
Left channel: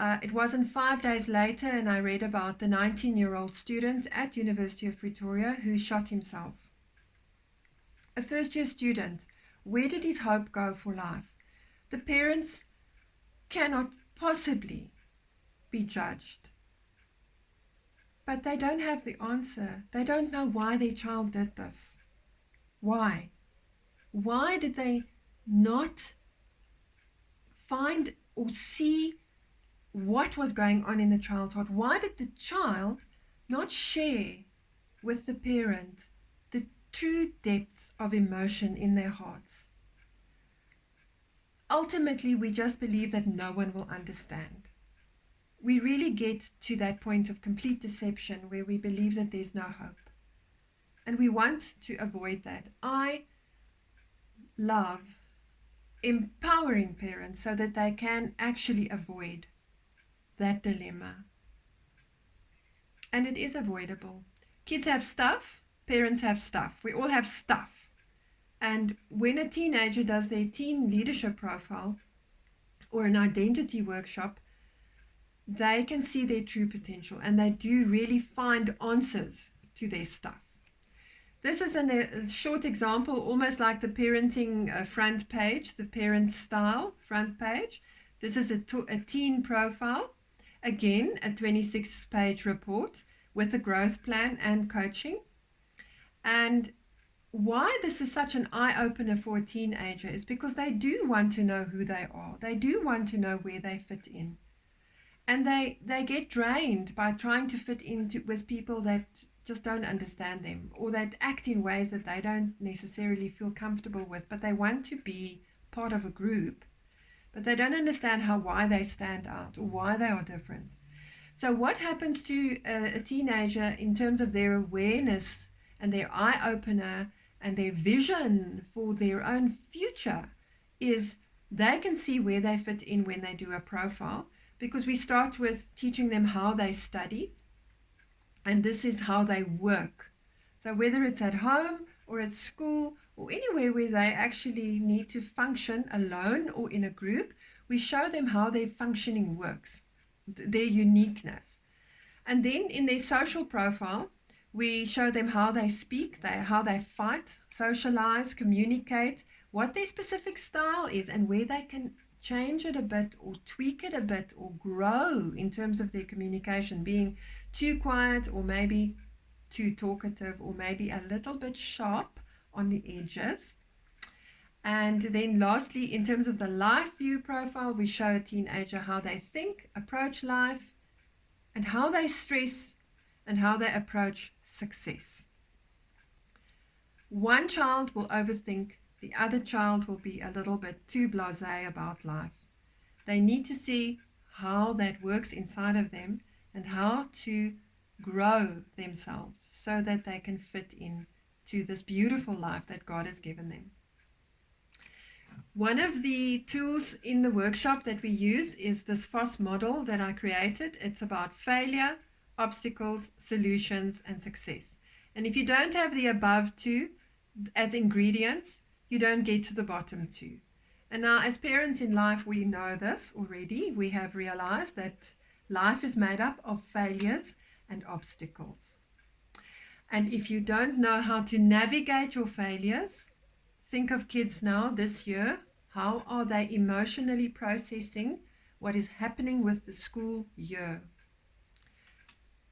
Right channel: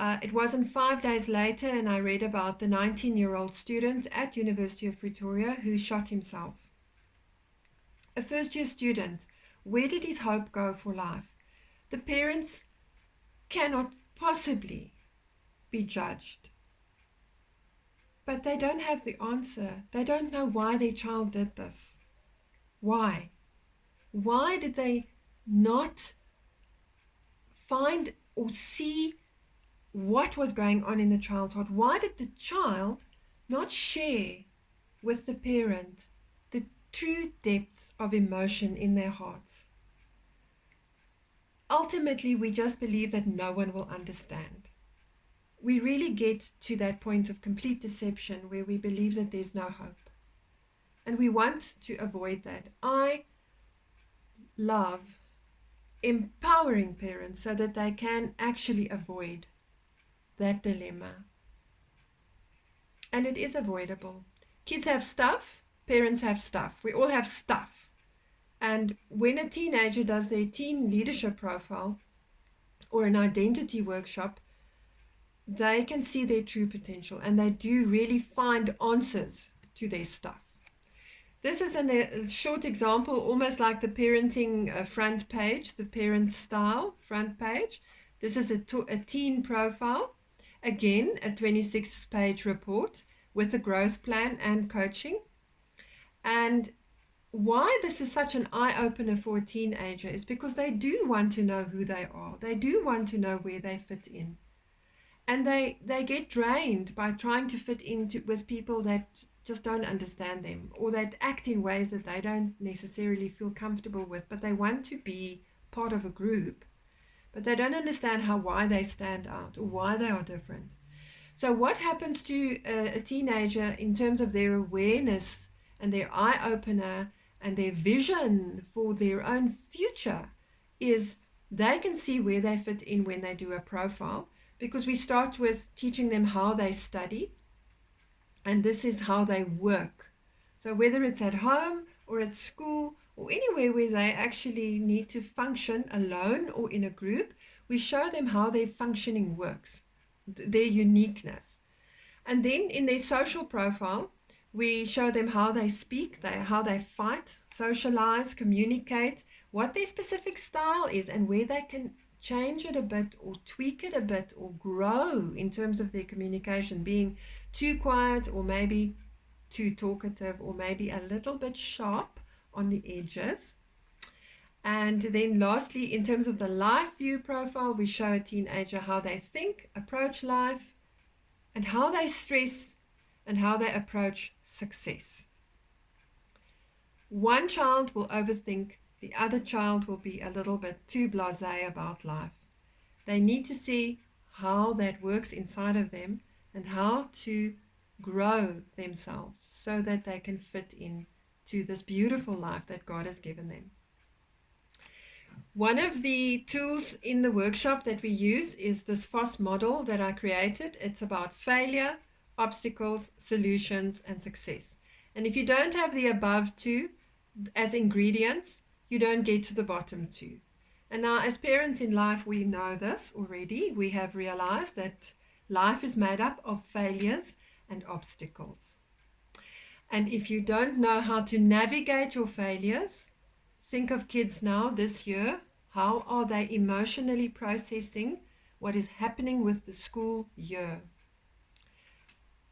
It wasn't 5 days later, and I read about the 19-year-old student at University of Pretoria who shot himself. A first-year student. Where did his hope go for life? The parents cannot possibly be judged. But they don't have the answer. They don't know why their child did this. Why? Why did they not find or see what was going on in the child's heart? Why did the child not share with the parent the true depths of emotion in their hearts? Ultimately, we just believe that no one will understand. We really get to that point of complete deception where we believe that there's no hope. And we want to avoid that. I love empowering parents so that they can actually avoid that dilemma. And it is avoidable. Kids have stuff, parents have stuff. We all have stuff. And when a teenager does their teen leadership profile or an identity workshop, they can see their true potential, and they do really find answers to their stuff. This is a short example, almost like the parenting front page, the parent style front page. This is a teen profile. Again, a 26-page report with a growth plan and coaching. And why this is such an eye-opener for a teenager is because they do want to know who they are. They do want to know where they fit in. And they get drained by trying to fit in with people that just don't understand them, or that act in ways that they don't necessarily feel comfortable with, but they want to be part of a group, but they don't understand why they stand out or why they are different. So what happens to a teenager in terms of their awareness and their eye-opener and their vision for their own future is they can see where they fit in when they do a profile, because we start with teaching them how they study, and this is how they work. So whether it's at home or at school or anywhere where they actually need to function alone or in a group, we show them how their functioning works, their uniqueness. And then in their social profile, we show them how they speak, how they fight, socialize, communicate, what their specific style is, and where they can change it a bit or tweak it a bit or grow in terms of their communication, being too quiet or maybe too talkative or maybe a little bit sharp on the edges. And then lastly, in terms of the life view profile, we show a teenager how they think, approach life, and how they stress, and how they approach success. One child will overthink, the other child will be a little bit too blasé about life. They need to see how that works inside of them and how to grow themselves so that they can fit in to this beautiful life that God has given them. One of the tools in the workshop that we use is this FOSS model that I created. It's about failure, obstacles, solutions, and success. And if you don't have the above two as ingredients, you don't get to the bottom two. And now, as parents in life, we know this already. We have realized that life is made up of failures and obstacles. And if you don't know how to navigate your failures, think of kids now this year. How are they emotionally processing what is happening with the school year?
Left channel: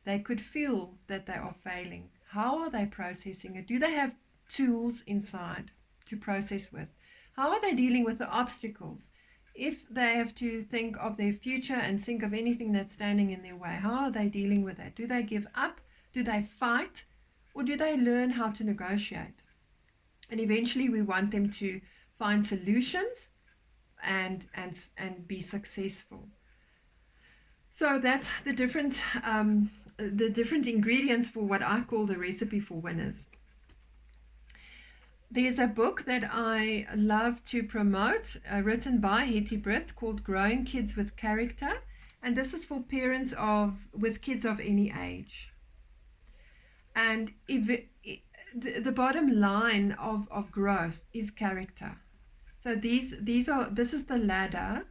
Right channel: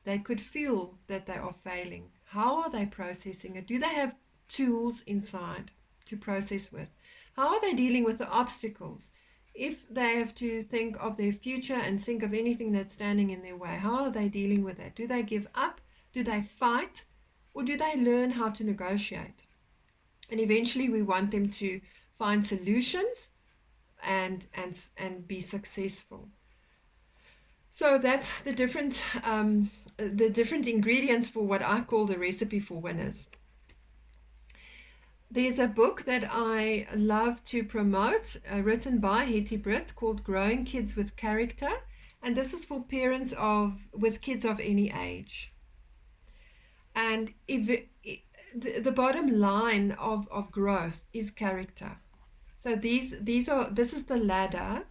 They could feel that they are failing. How are they processing it? Do they have tools inside to process with? How are they dealing with the obstacles? If they have to think of their future and think of anything that's standing in their way, how are they dealing with that? Do they give up? Do they fight? Or do they learn how to negotiate? And eventually we want them to find solutions and be successful. So that's the different ingredients for what I call the recipe for winners. There's a book that I love to promote, written by Hetty Britt, called Growing Kids with Character. And this is for parents with kids of any age. And the bottom line of growth is character. So this is the ladder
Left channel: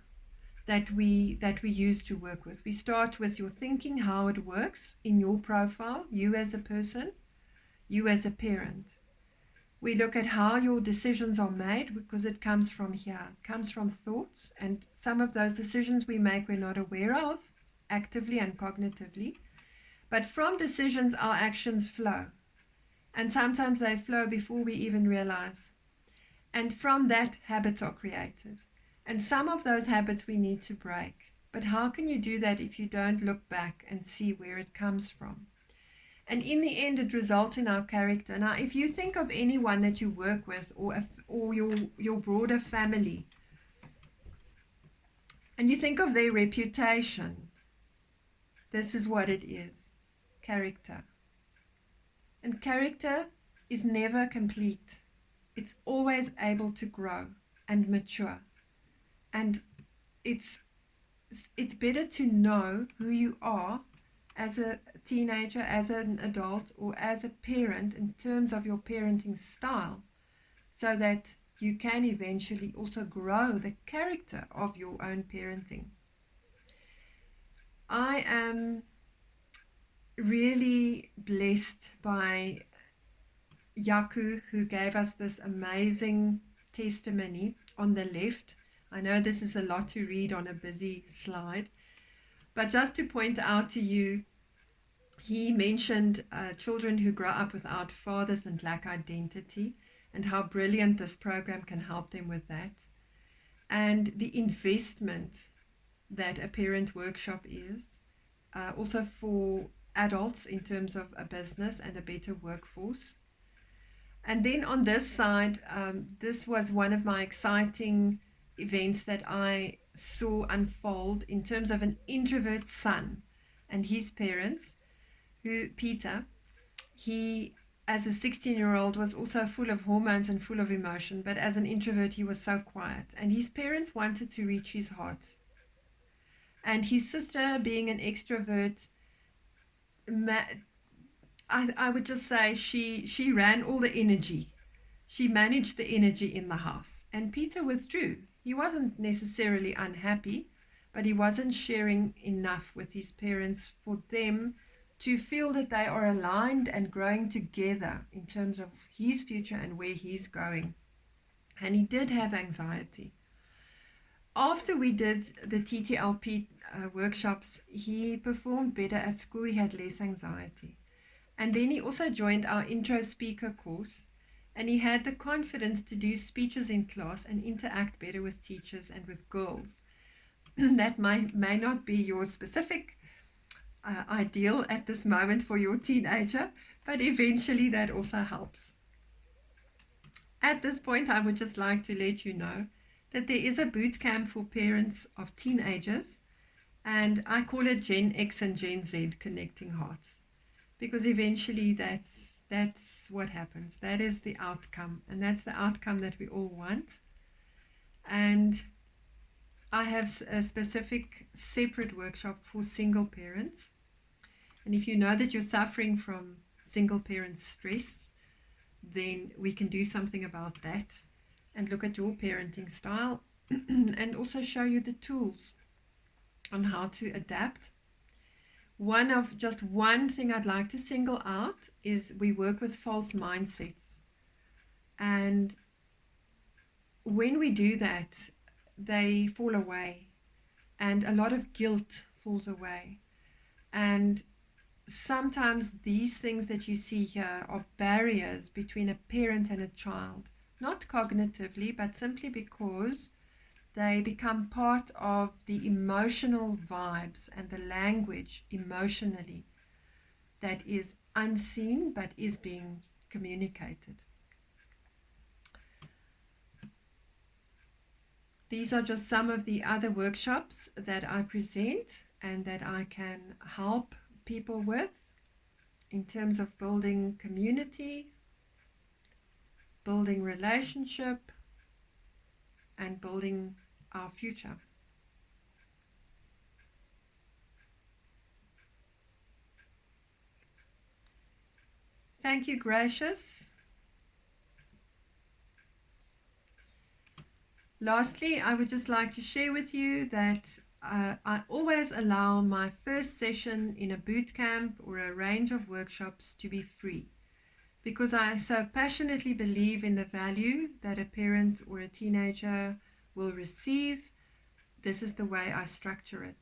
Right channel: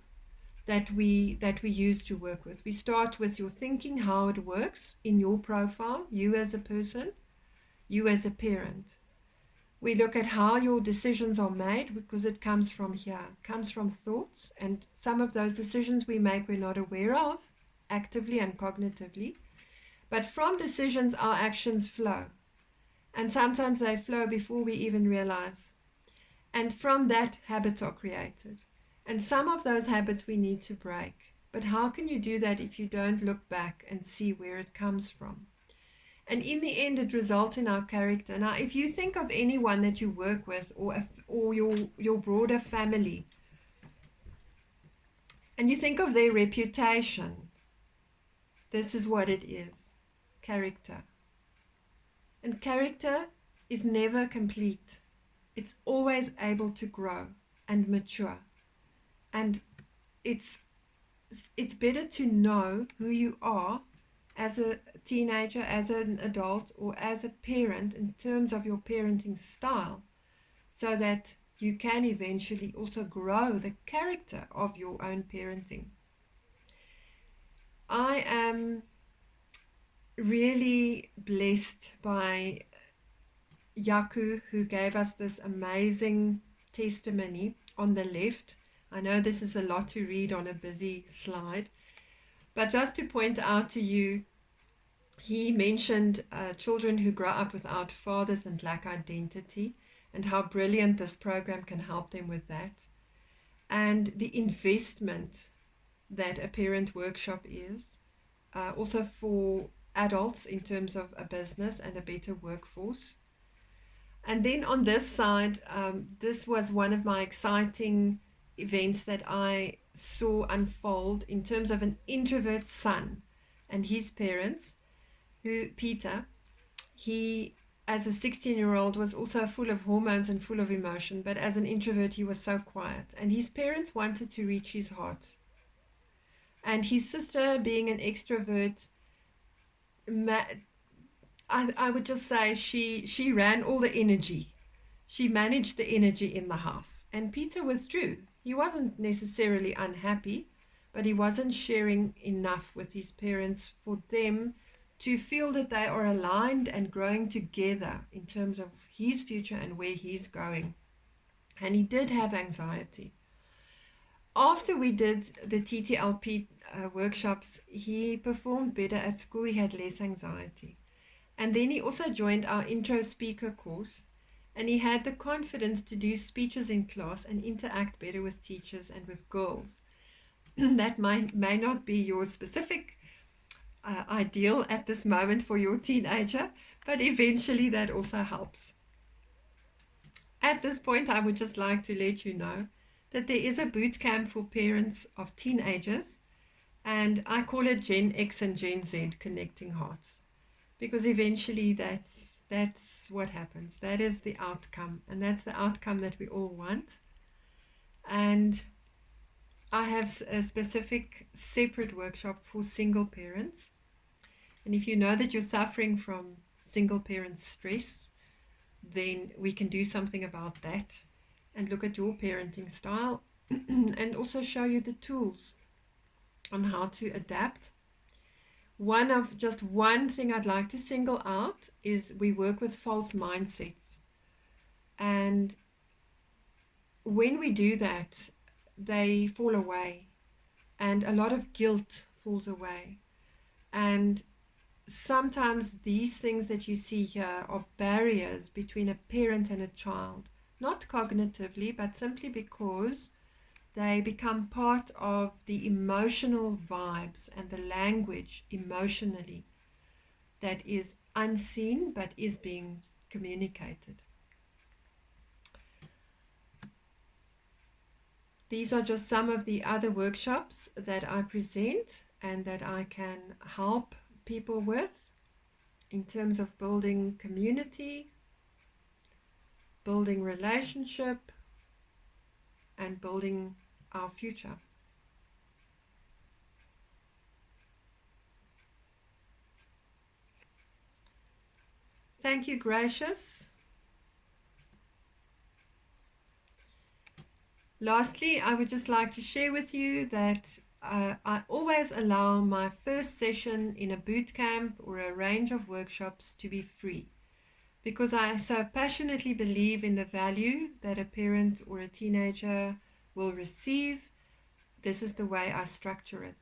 that we use to work with. We start with your thinking, how it works in your profile, you as a person, you as a parent. We look at how your decisions are made, because it comes from here. It comes from thoughts, and some of those decisions we make we're not aware of, actively and cognitively. But from decisions, our actions flow. And sometimes they flow before we even realize. And from that, habits are created. And some of those habits we need to break. But how can you do that if you don't look back and see where it comes from? And in the end, it results in our character. Now, if you think of anyone that you work with, or your broader family, and you think of their reputation, this is what it is: character. And character is never complete. It's always able to grow and mature. And it's better to know who you are as a teenager, as an adult, or as a parent in terms of your parenting style, so that you can eventually also grow the character of your own parenting. I am really blessed by Yaku, who gave us this amazing testimony on the left. I know this is a lot to read on a busy slide, but just to point out to you, he mentioned children who grow up without fathers and lack identity, and how brilliant this program can help them with that, and the investment that a parent workshop is, also for adults in terms of a business and a better workforce. And then on this side, this was one of my exciting events that I saw unfold in terms of an introvert son and his parents, who Peter, he as a 16-year-old was also full of hormones and full of emotion, but as an introvert he was so quiet, and his parents wanted to reach his heart. And his sister, being an extrovert, I would just say she ran all the energy. She managed the energy in the house. And Peter withdrew. He wasn't necessarily unhappy, but he wasn't sharing enough with his parents for them to feel that they are aligned and growing together in terms of his future and where he's going. And he did have anxiety. After we did the TTLP workshops, he performed better at school. He had less anxiety. And then he also joined our intro speaker course. and he had the confidence to do speeches in class and interact better with teachers and with girls. That may not be your specific ideal at this moment for your teenager, but eventually that also helps. At this point, I would just like to let you know that there is a boot camp for parents of teenagers, and I call it Gen X and Gen Z Connecting Hearts, because eventually that's what happens. That is the outcome, and that's the outcome that we all want. And I have a specific separate workshop for single parents. And if you know that you're suffering from single parent stress, then we can do something about that and look at your parenting style and also show you the tools on how to adapt. One thing I'd like to single out is we work with false mindsets. And when we do that, they fall away, and a lot of guilt falls away. And sometimes these things that you see here are barriers between a parent and a child, not cognitively, but simply because they become part of the emotional vibes and the language emotionally that is unseen but is being communicated. These are just some of the other workshops that I present and that I can help people with in terms of building community, building relationship, and building our future. Thank you, Gracious. Lastly, I would just like to share with you that I always allow my first session in a boot camp or a range of workshops to be free, because I so passionately believe in the value that a parent or a teenager will receive. This is the way I structure it.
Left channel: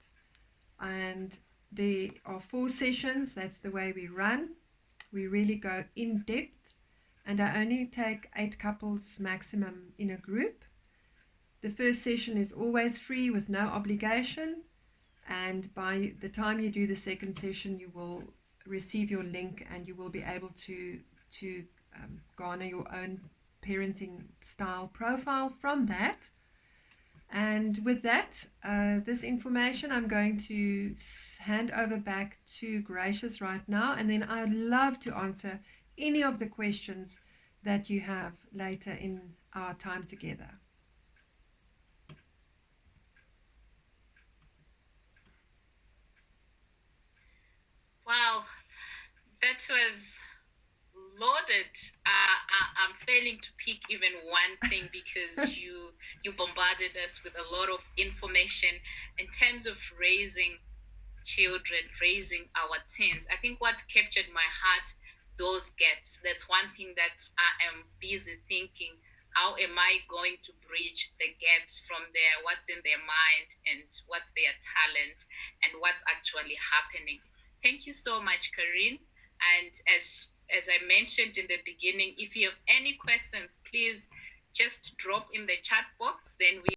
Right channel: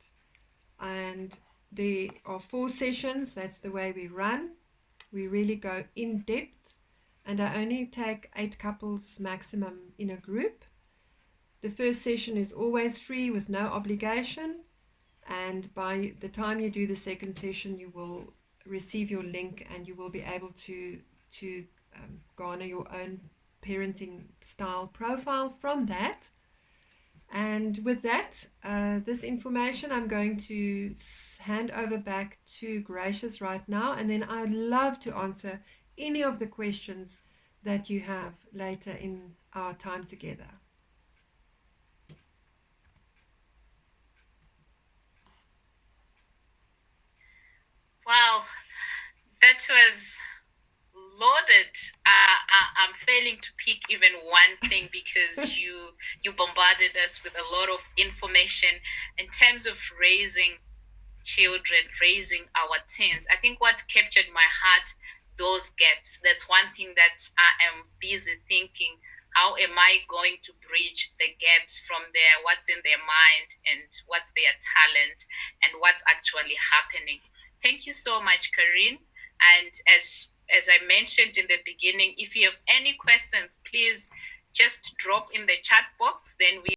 And there are 4 sessions, that's the way we run. We really go in depth, and I only take 8 couples maximum in a group. The first session is always free with no obligation, and by the time you do the second session, you will receive your link and you will be able to garner your own parenting style profile from that. And with that, this information I'm going to hand over back to Gracious right now, and then I'd love to answer any of the questions that you have later in our time together. Wow, that was loaded. I'm failing to pick even one thing because you bombarded us with a lot of information in terms of raising children, raising our teens. I think what captured my heart, those gaps. That's one thing that I am busy thinking. How am I going to bridge the gaps from there? What's in their mind and what's their talent and what's actually happening? Thank you so much, Karine. And as I mentioned in the beginning, if you have any questions, please just drop in the chat box. Then we